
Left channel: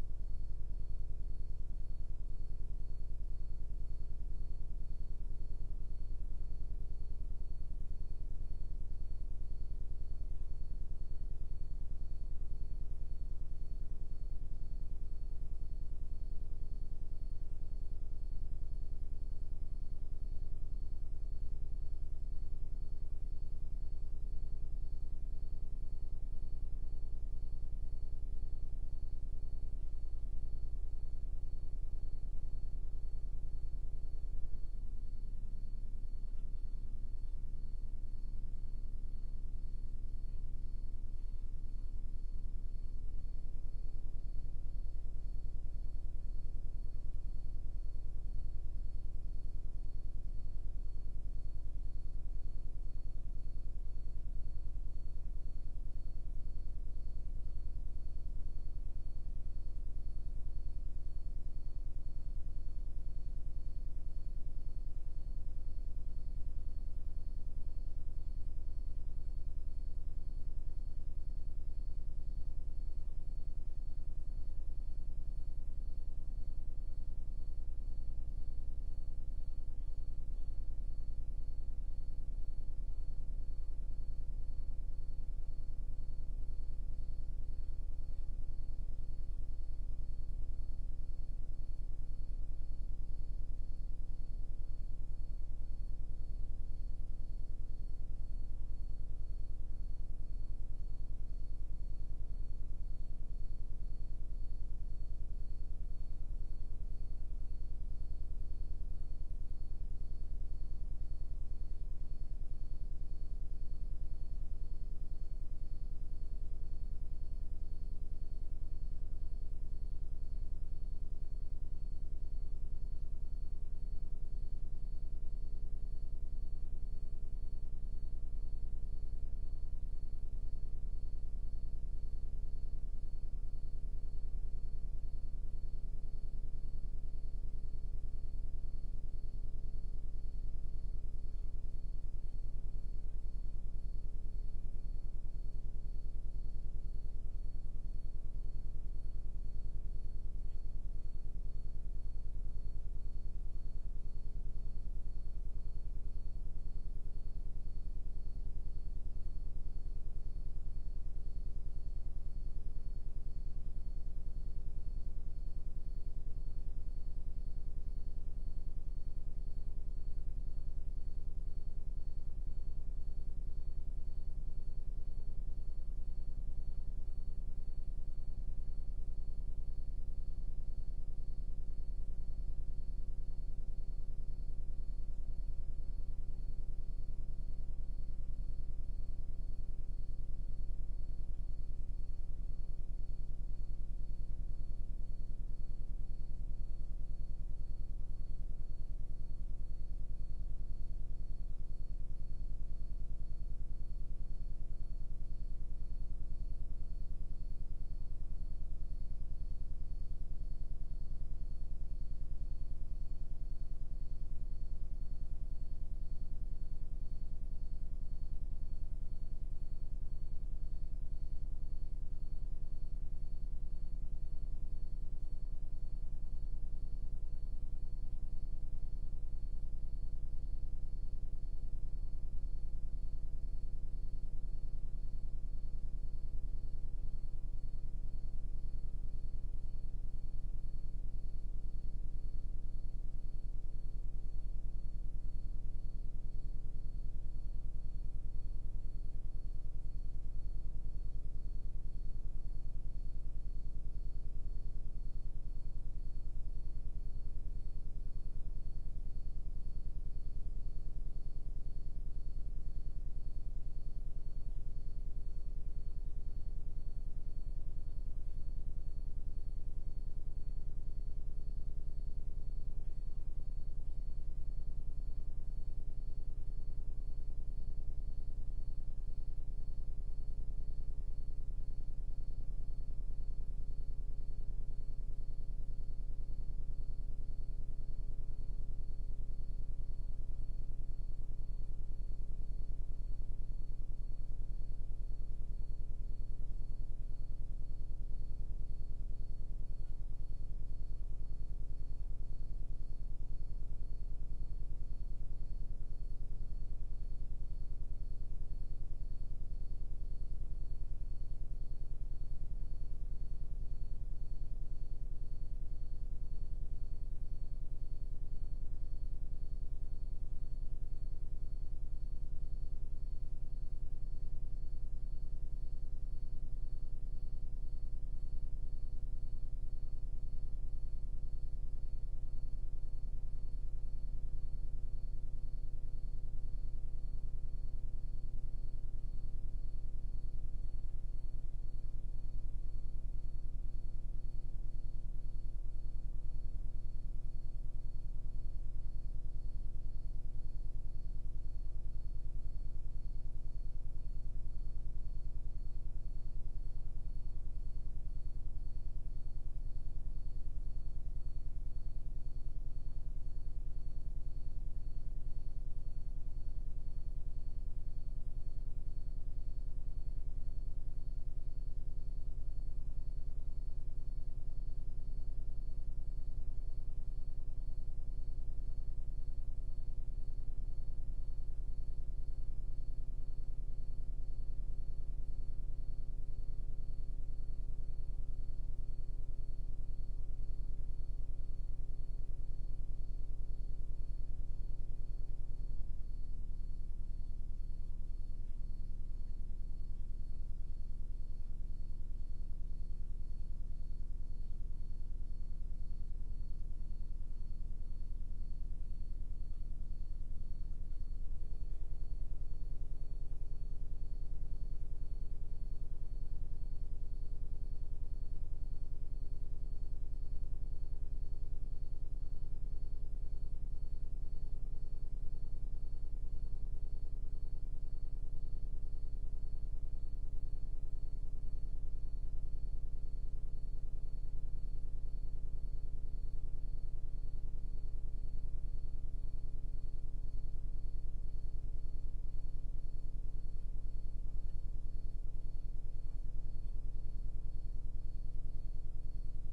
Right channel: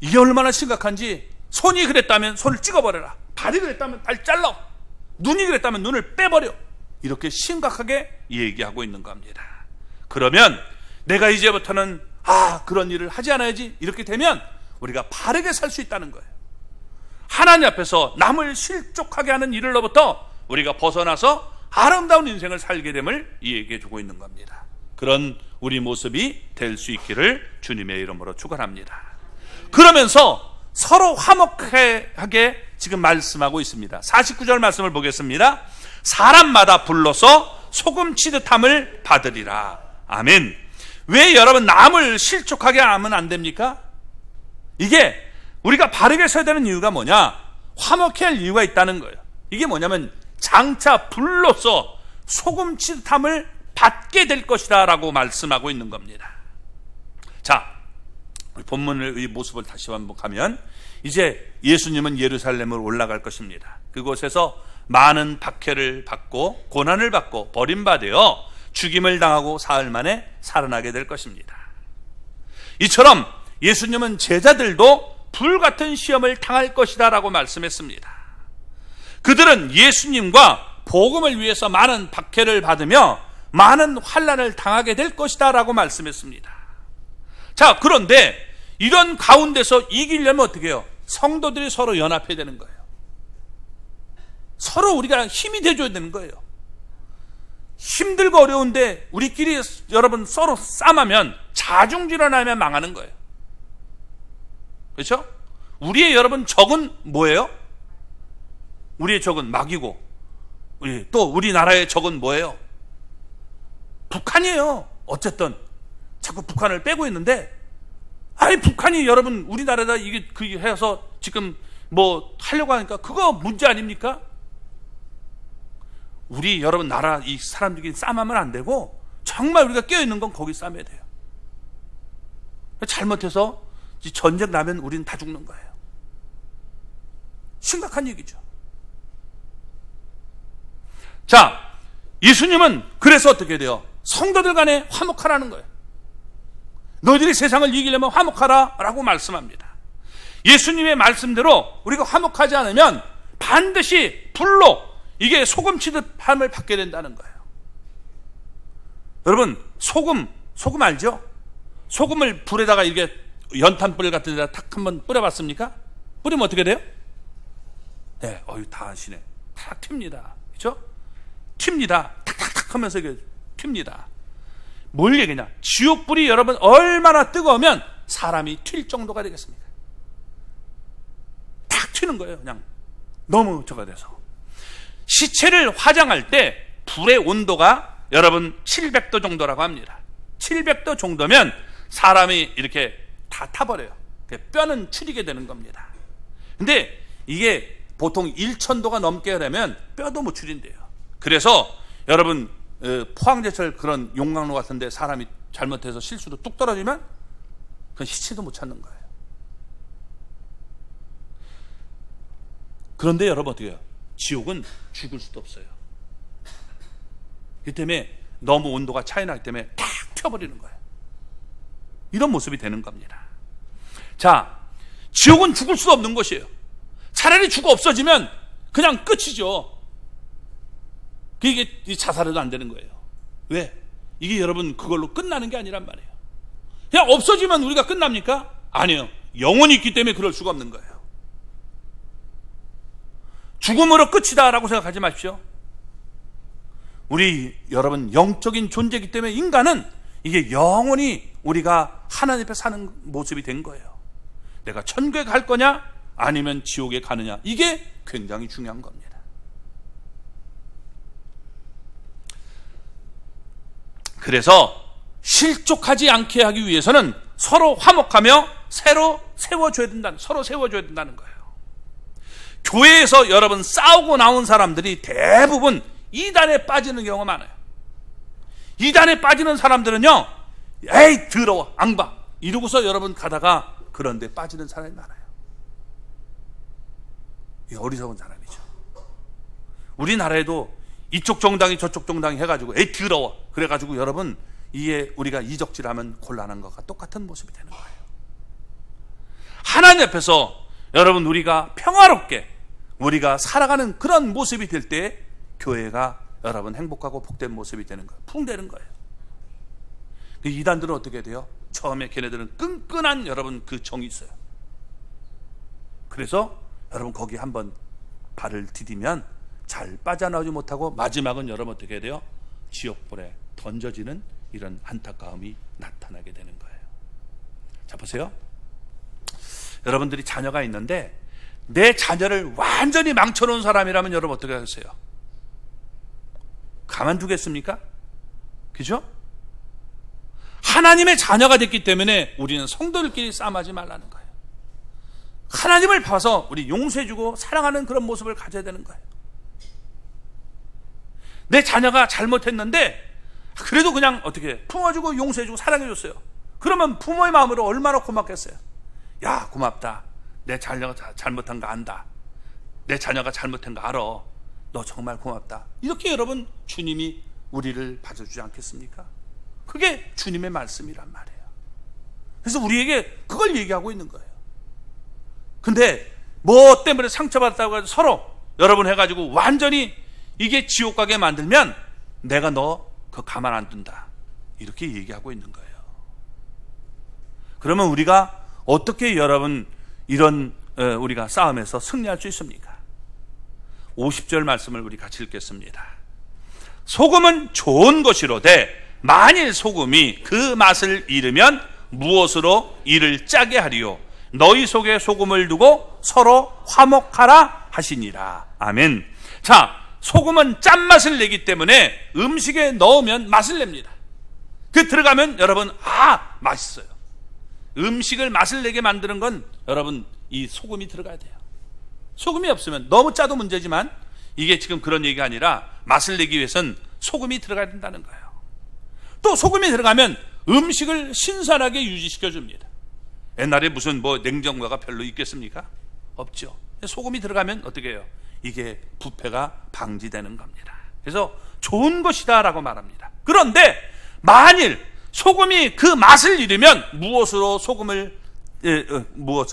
이게 얼마나 심각한지, 손이 그랬다면 손을 찍어버려라, 발이 그랬다면 발 잘라, 눈이 그랬다면 눈을 빼버려, 이렇게 심각하게 얘기하고 있는 겁니다. 그러면 내가 이제부터는 그런 일을 하지 않아야지, 이렇게 되면 우리가 바르게 살 수 있다는 거예요. 하나님 앞에서 남을 실족하게 하는 일로부터 우리가 벗어나서 아름다운 인생을 살게 됨을 얘기해 주고 있는 겁니다. 그런 우리 모습이 될 수 있기를 주님의 이름으로 축원합니다. 그러면서 서로 화목하게 지금 말씀하고 있습니다. 49절 말씀을 보겠습니다. 사람마다 불러서 소금 치듯함을 받으리라. 아멘. 왜 여러분 남을 실족하게 하면 안 됩니까? 이게 우리가 바르게 서야 되는 이유가 뭐냐? 화목해야 할 이유가 있다는 거예요. 이게 뭐냐면 장차 불로서 소금 치듯함을 받게 될 것이다 라고 말씀하고 있는 겁니다. 자, 본문의 모습을 다시 반복하면 이제 예수님은 예루살렘으로 올라갈 것입니다. 그곳에서 많은 박해를 받고 고난을 받고 버림받아 죽임을 당하고 사흘 만에 살아나게 될 것입니다. 이처럼 예수님은 제자들도 불같은 시험을 당할 것이다 라고 말씀했습니다. 그들은 예수님과 복음을 위해서 많은 박해를 받으며 많은 환난을 당하게 될 것이다 라고 말씀했습니다. 자, 그런데 이런 가운데서 이기려면 어떻게 해요? 성도들이 서로 연합해야 되는 거예요. 서로 우리가 힘이 돼줘야 되는 거예요. 힘들고 어려운데 우리끼리 여러분 서로 싸우면 자중질환하면 망하는 거예요. 그렇죠? 우리의 여러분 적은 뭐예요? 우리의 적은 마귀고, 또 우리나라의 적은 뭐예요? 북한이에요. 어쨌든 자꾸 북한을 빼고 있는데, 아니 북한이 여러분 우리나라에다 이게 해서 지금 뭐 하려고 하니까 그거 문제 아닙니까? 우리 여러분 나라 이 사람들끼리 싸움하면 안 되고, 정말 우리가 깨어있는 건 거기 싸움해야 돼요. 잘못해서 전쟁 나면 우리는 다 죽는 거예요. 심각한 얘기죠. 자, 예수님은 그래서 어떻게 돼요? 성도들 간에 화목하라는 거예요. 너희들이 세상을 이기려면 화목하라 라고 말씀합니다. 예수님의 말씀대로 우리가 화목하지 않으면 반드시 불로 이게 소금 취급함을 받게 된다는 거예요. 여러분, 소금 알죠? 소금을 불에다가 이렇게 연탄불 같은 데다 탁 한번 뿌려봤습니까? 뿌리면 어떻게 돼요? 네, 다 아시네. 탁 튑니다. 그렇죠? 튑니다. 탁탁탁 하면서 이게 튑니다. 뭘 얘기냐? 지옥불이 여러분 얼마나 뜨거우면 사람이 튈 정도가 되겠습니까? 탁 튀는 거예요. 그냥 너무 저가 돼서. 시체를 화장할 때 불의 온도가 여러분 700도 정도라고 합니다. 700도 정도면 사람이 이렇게 다 타버려요. 뼈는 추리게 되는 겁니다. 근데 이게 보통 1000도가 넘게 하려면 뼈도 못 추린대요. 그래서 여러분 포항제철 그런 용광로 같은데 사람이 잘못해서 실수로 뚝 떨어지면 그 시체도 못 찾는 거예요. 그런데 여러분 어떻게 해요? 지옥은 죽을 수도 없어요. 그 때문에 너무 온도가 차이 나기 때문에 탁 튀어버리는 거예요. 이런 모습이 되는 겁니다. 자, 지옥은 죽을 수 없는 것이에요. 차라리 죽어 없어지면 그냥 끝이죠. 이게 자살해도 안 되는 거예요. 왜? 이게 여러분 그걸로 끝나는 게 아니란 말이에요. 그냥 없어지면 우리가 끝납니까? 아니에요. 영혼이 있기 때문에 그럴 수가 없는 거예요. 죽음으로 끝이다 라고 생각하지 마십시오. 우리 여러분 영적인 존재이기 때문에 인간은 이게 영원히 우리가 하나님 앞에 사는 모습이 된 거예요. 내가 천국에 갈 거냐 아니면 지옥에 가느냐, 이게 굉장히 중요한 겁니다. 그래서 실족하지 않게 하기 위해서는 서로 화목하며 서로 세워줘야 된다는 거예요. 교회에서 여러분 싸우고 나온 사람들이 대부분 이단에 빠지는 경우가 많아요. 이단에 빠지는 사람들은요, 에이 더러워 앙바 이러고서 여러분 가다가 그런데 빠지는 사람이 많아요. 이 어리석은 사람이죠. 우리나라에도 이쪽 정당이 저쪽 정당이 해가지고 에이 더러워 그래가지고 여러분 이게 우리가 이적질하면 곤란한 것과 똑같은 모습이 되는 거예요. 하나님 앞에서 여러분 우리가 평화롭게 우리가 살아가는 그런 모습이 될 때 교회가 여러분 행복하고 복된 모습이 되는 거예요. 풍되는 거예요. 이단들은 어떻게 돼요? 처음에 걔네들은 끈끈한 여러분 그 정이 있어요. 그래서 여러분 거기 한번 발을 디디면 잘 빠져나오지 못하고 마지막은 여러분 어떻게 돼요? 지옥불에 던져지는 이런 안타까움이 나타나게 되는 거예요. 자, 보세요. 여러분들이 자녀가 있는데 내 자녀를 완전히 망쳐놓은 사람이라면 여러분 어떻게 하겠어요? 가만두겠습니까? 그죠? 하나님의 자녀가 됐기 때문에 우리는 성도들끼리 싸움하지 말라는 거예요. 하나님을 봐서 우리 용서해주고 사랑하는 그런 모습을 가져야 되는 거예요. 내 자녀가 잘못했는데 그래도 그냥 어떻게 품어주고 용서해주고 사랑해줬어요. 그러면 부모의 마음으로 얼마나 고맙겠어요. 야, 고맙다. 내 자녀가 잘못한 거 안다. 내 자녀가 잘못한 거 알아. 너 정말 고맙다. 이렇게 여러분 주님이 우리를 봐주지 않겠습니까? 그게 주님의 말씀이란 말이에요. 그래서 우리에게 그걸 얘기하고 있는 거예요. 근데 뭐 때문에 상처받았다고 해서 서로 여러분 해가지고 완전히 이게 지옥 가게 만들면 내가 너 그거 가만 안 둔다, 이렇게 얘기하고 있는 거예요. 그러면 우리가 어떻게 여러분 이런 우리가 싸움에서 승리할 수 있습니까? 50절 말씀을 우리 같이 읽겠습니다. 소금은 좋은 것이로되 만일 소금이 그 맛을 잃으면 무엇으로 이를 짜게 하리요? 너희 속에 소금을 두고 서로 화목하라 하시니라. 아멘. 자, 소금은 짠맛을 내기 때문에 음식에 넣으면 맛을 냅니다. 그 들어가면 여러분 맛있어요. 음식을 맛을 내게 만드는 건 여러분 이 소금이 들어가야 돼요. 소금이 없으면 너무 짜도 문제지만 이게 지금 그런 얘기가 아니라 맛을 내기 위해서는 소금이 들어가야 된다는 거예요. 또 소금이 들어가면 음식을 신선하게 유지시켜 줍니다. 옛날에 무슨 냉장고가 별로 있겠습니까? 없죠. 소금이 들어가면 어떻게 해요? 이게 부패가 방지되는 겁니다. 그래서 좋은 것이다 라고 말합니다. 그런데 만일 소금이 그 맛을 잃으면 무엇으로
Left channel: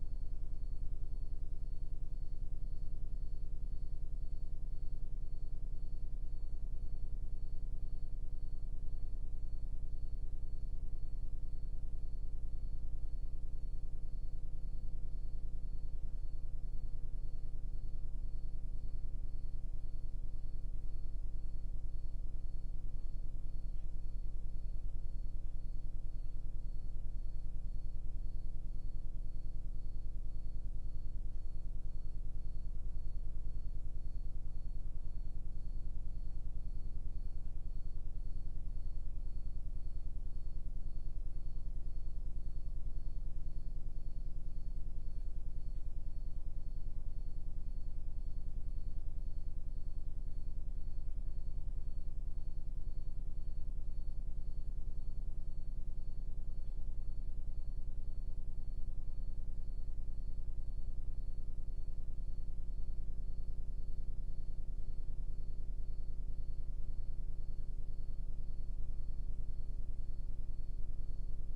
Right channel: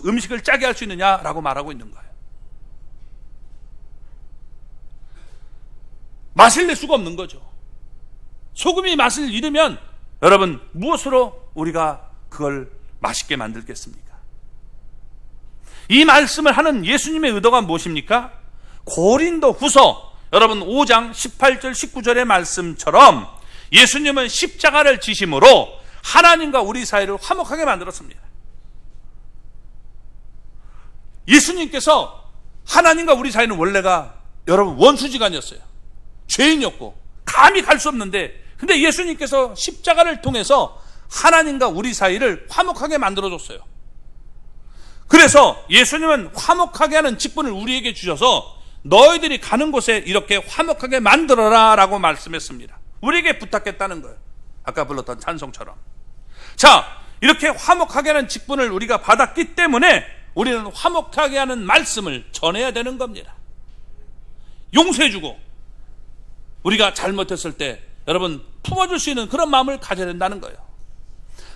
음식을 짜게 할 수 있느냐라고 말하고 있는 거예요. 맛을 낼 수가 없는 거죠. 소금이 맛을 잃으면 여러분 무엇으로 우리가 그걸 맛있게 만들겠습니까? 이 말씀을 하는 예수님의 의도가 무엇입니까? 고린도후서 여러분 5장 18절 19절의 말씀처럼 예수님은 십자가를 지심으로 하나님과 우리 사이를 화목하게 만들었습니다. 예수님께서 하나님과 우리 사이는 원래가 여러분 원수지간이었어요. 죄인이었고 감히 갈 수 없는데, 근데 예수님께서 십자가를 통해서 하나님과 우리 사이를 화목하게 만들어줬어요. 그래서 예수님은 화목하게 하는 직분을 우리에게 주셔서 너희들이 가는 곳에 이렇게 화목하게 만들어라 라고 말씀했습니다. 우리에게 부탁했다는 거예요. 아까 불렀던 찬송처럼. 자, 이렇게 화목하게 하는 직분을 우리가 받았기 때문에 우리는 화목하게 하는 말씀을 전해야 되는 겁니다. 용서해주고 우리가 잘못했을 때 여러분 품어줄 수 있는 그런 마음을 가져야 된다는 거예요.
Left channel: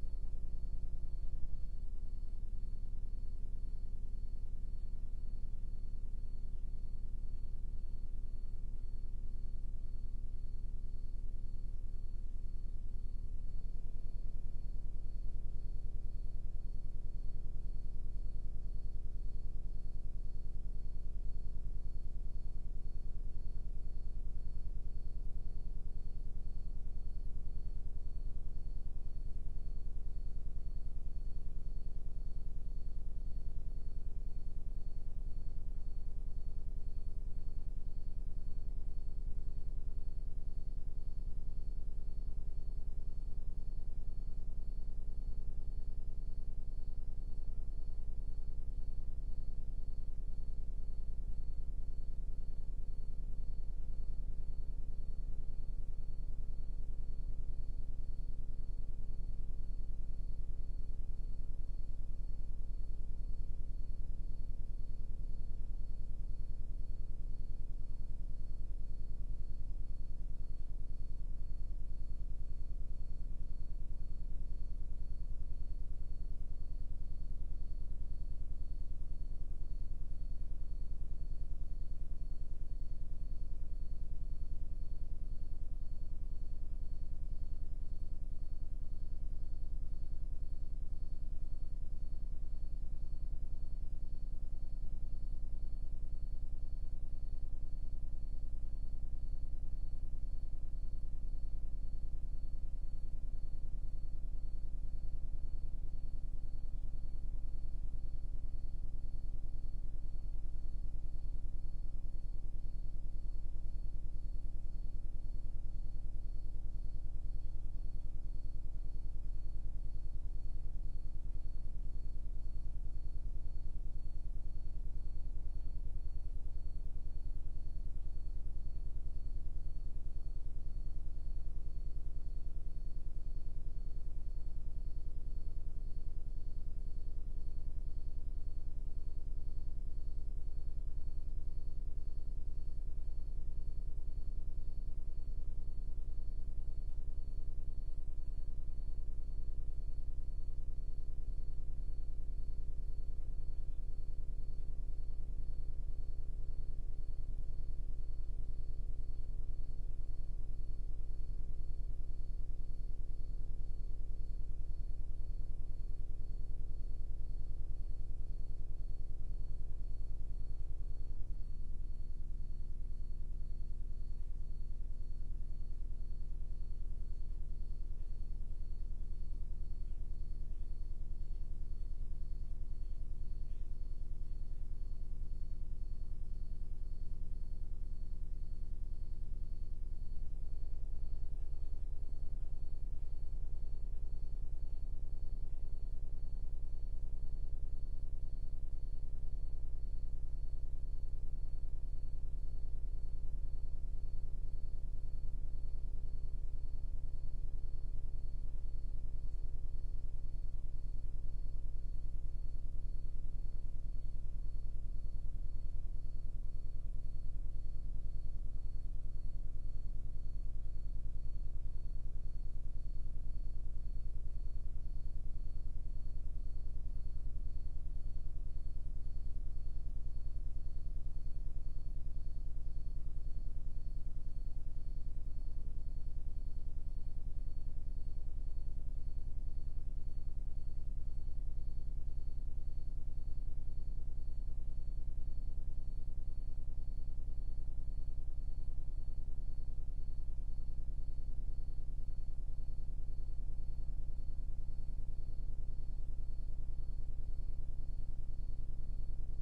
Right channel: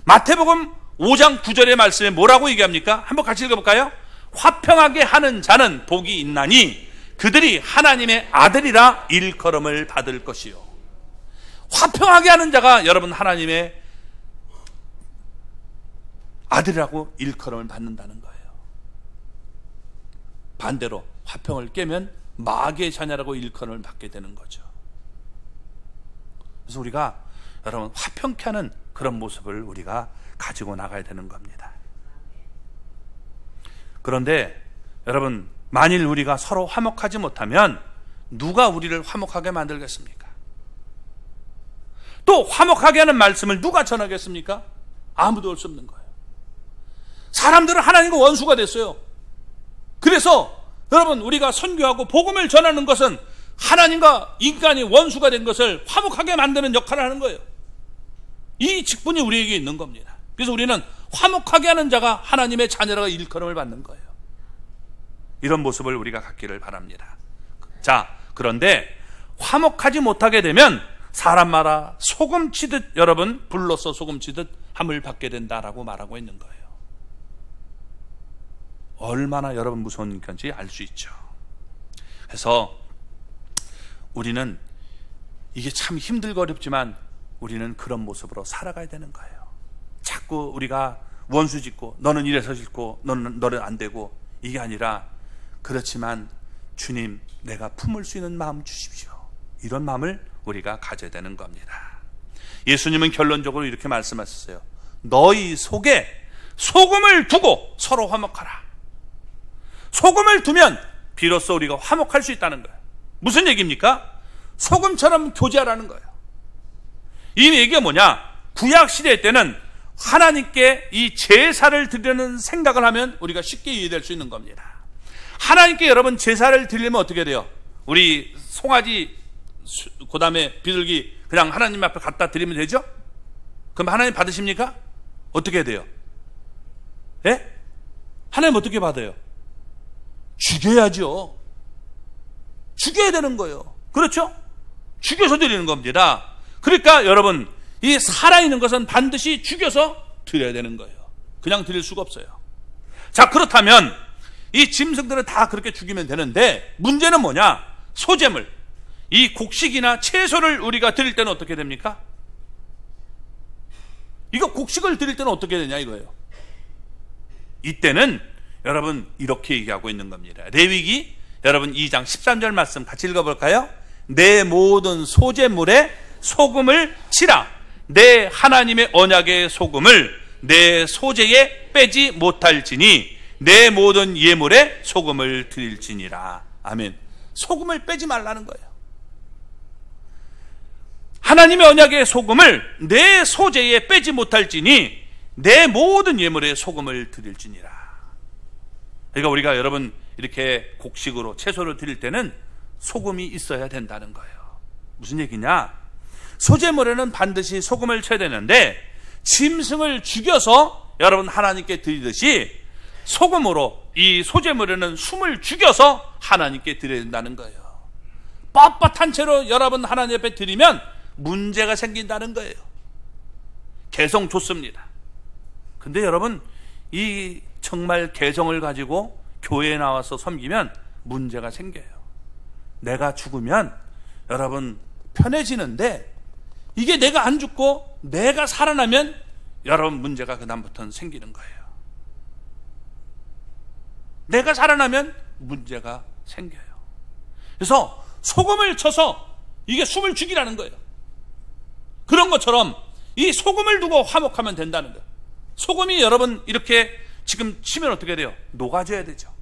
마태복음 5장 9절의 말씀에 뭐라고 얘기합니까? 한번 같이 읽어볼까요? 화평하게 하는 자는 복이 있나니 그들이 하나님의 아들이라 일컬음을 받을 것이요. 화평하게 하는 자가 여러분 하나님의 아들이라고 일컬음을 받는다는 거예요. 반대로 화평을 깨면 마귀의 자녀라고 일컬음을 받게 되는 거죠. 그래서 우리가 여러분 화평케 하는 그런 모습을 우리가 가지고 나가야 되는 겁니다. 그런데 여러분 만일 우리가 서로 화목하지 못하면 누가 우리를 화목하게 만들겠습니까? 또 화목하게 하는 말씀을 누가 전하겠습니까? 아무도 올 수 없는 거예요. 사람들은 하나님과 원수가 됐어요. 그래서 여러분 우리가 선교하고 복음을 전하는 것은 하나님과 인간이 원수가 된 것을 화목하게 만드는 역할을 하는 거예요. 이 직분이 우리에게 있는 겁니다. 그래서 우리는 화목하게 하는 자가 하나님의 자녀라고 일컬음을 받는 거예요. 이런 모습을 우리가 갖기를 바랍니다. 자, 그런데 화목하지 못하게 되면 사람마다 소금치듯 여러분 불로써 소금치듯 함을 받게 된다라고 말하고 있는 거예요. 얼마나 여러분 무서운 건지 알 수 있죠. 그래서 우리는 이게 참 힘들고 어렵지만 우리는 그런 모습으로 살아가야 되는 거예요. 자꾸 우리가 원수 짓고 너는 이래서 짓고 너는 안 되고 이게 아니라 그렇지만 주님 내가 품을 수 있는 마음 주십시오. 이런 마음을 우리가 가져야 되는 겁니다. 예수님은 결론적으로 이렇게 말씀하셨어요. 너희 속에 소금을 두고 서로 화목하라. 소금을 두면 비로소 우리가 화목할 수 있다는 거예요. 무슨 얘기입니까? 소금처럼 교제하라는 거예요. 이 얘기가 뭐냐? 구약 시대 때는 하나님께 이 제사를 드리려는 생각을 하면 우리가 쉽게 이해될 수 있는 겁니다. 하나님께 여러분 제사를 드리려면 어떻게 돼요? 우리 송아지 그 다음에 비둘기 그냥 하나님 앞에 갖다 드리면 되죠? 그럼 하나님 받으십니까? 어떻게 돼요? 예? 하나님 어떻게 받아요? 죽여야죠. 죽여야 되는 거예요. 그렇죠? 죽여서 드리는 겁니다. 그러니까 여러분 이 살아있는 것은 반드시 죽여서 드려야 되는 거예요. 그냥 드릴 수가 없어요. 자, 그렇다면 이 짐승들은 다 그렇게 죽이면 되는데 문제는 뭐냐? 소재물. 이 곡식이나 채소를 우리가 드릴 때는 어떻게 됩니까? 이거 곡식을 드릴 때는 어떻게 되냐 이거예요. 이때는 여러분 이렇게 얘기하고 있는 겁니다. 레위기 여러분 2장 13절 말씀 같이 읽어볼까요? 내 모든 소재물에 소금을 치라. 내 하나님의 언약의 소금을 내 소재에 빼지 못할지니 내 모든 예물에 소금을 드릴지니라. 아멘. 소금을 빼지 말라는 거예요. 하나님의 언약의 소금을 내 소재에 빼지 못할지니 내 모든 예물에 소금을 드릴지니라. 그러니까 우리가 여러분 이렇게 곡식으로 채소를 드릴 때는 소금이 있어야 된다는 거예요. 무슨 얘기냐? 소재물에는 반드시 소금을 쳐야 되는데 짐승을 죽여서 여러분 하나님께 드리듯이 소금으로 이 소재물에는 숨을 죽여서 하나님께 드려야 된다는 거예요. 뻣뻣한 채로 여러분 하나님 앞에 드리면 문제가 생긴다는 거예요. 개성 좋습니다. 근데 여러분 이 정말 개성을 가지고 교회에 나와서 섬기면 문제가 생겨요. 내가 죽으면 여러분 편해지는데 이게 내가 안 죽고 내가 살아나면 여러분 문제가 그다음부터는 생기는 거예요. 내가 살아나면 문제가 생겨요. 그래서 소금을 쳐서 이게 숨을 죽이라는 거예요. 그런 것처럼 이 소금을 두고 화목하면 된다는 거예요. 소금이 여러분 이렇게 지금 치면 어떻게 돼요? 녹아져야 되죠.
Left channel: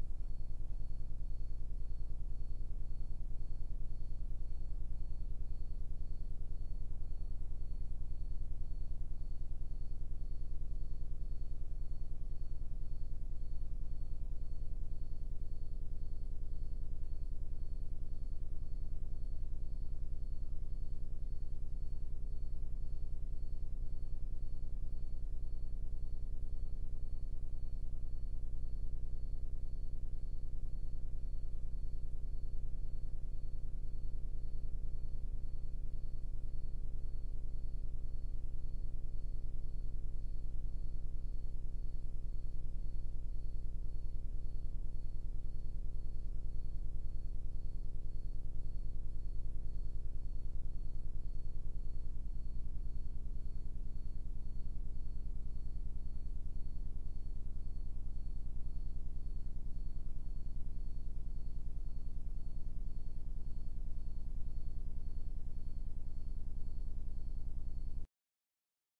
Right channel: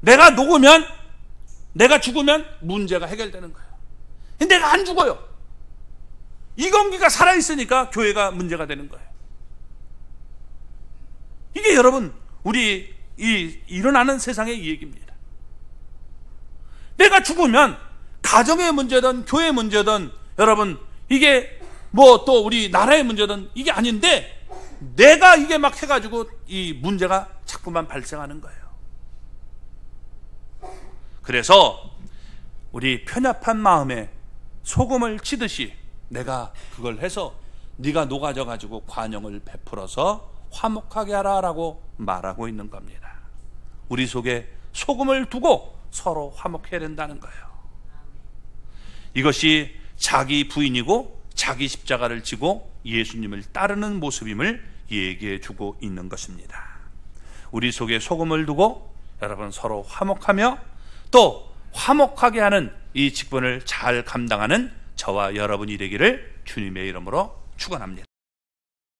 내가 녹으면 내가 죽으면 문제가 해결되는 거예요. 근데 내가 안 죽어요. 이건기가 살아있으니까 교회가 문제가 되는 거예요. 이게 여러분 우리 일어나는 세상의 얘기입니다. 내가 죽으면 가정의 문제든 교회의 문제든 여러분 이게 뭐 또 우리 나라의 문제든 이게 아닌데 내가 이게 막 해가지고 이 문제가 자꾸만 발생하는 거예요. 그래서 우리 편협한 마음에 소금을 치듯이 내가 그걸 해서 네가 녹아져 가지고 관용을 베풀어서 화목하게 하라 라고 말하고 있는 겁니다. 우리 속에 소금을 두고 서로 화목해야 된다는 거예요. 이것이 자기 부인이고 자기 십자가를 지고 예수님을 따르는 모습임을 얘기해 주고 있는 것입니다. 우리 속에 소금을 두고 여러분 서로 화목하며 또 화목하게 하는 이 직분을 잘 감당하는 저와 여러분이 되기를 주님의 이름으로 축원합니다.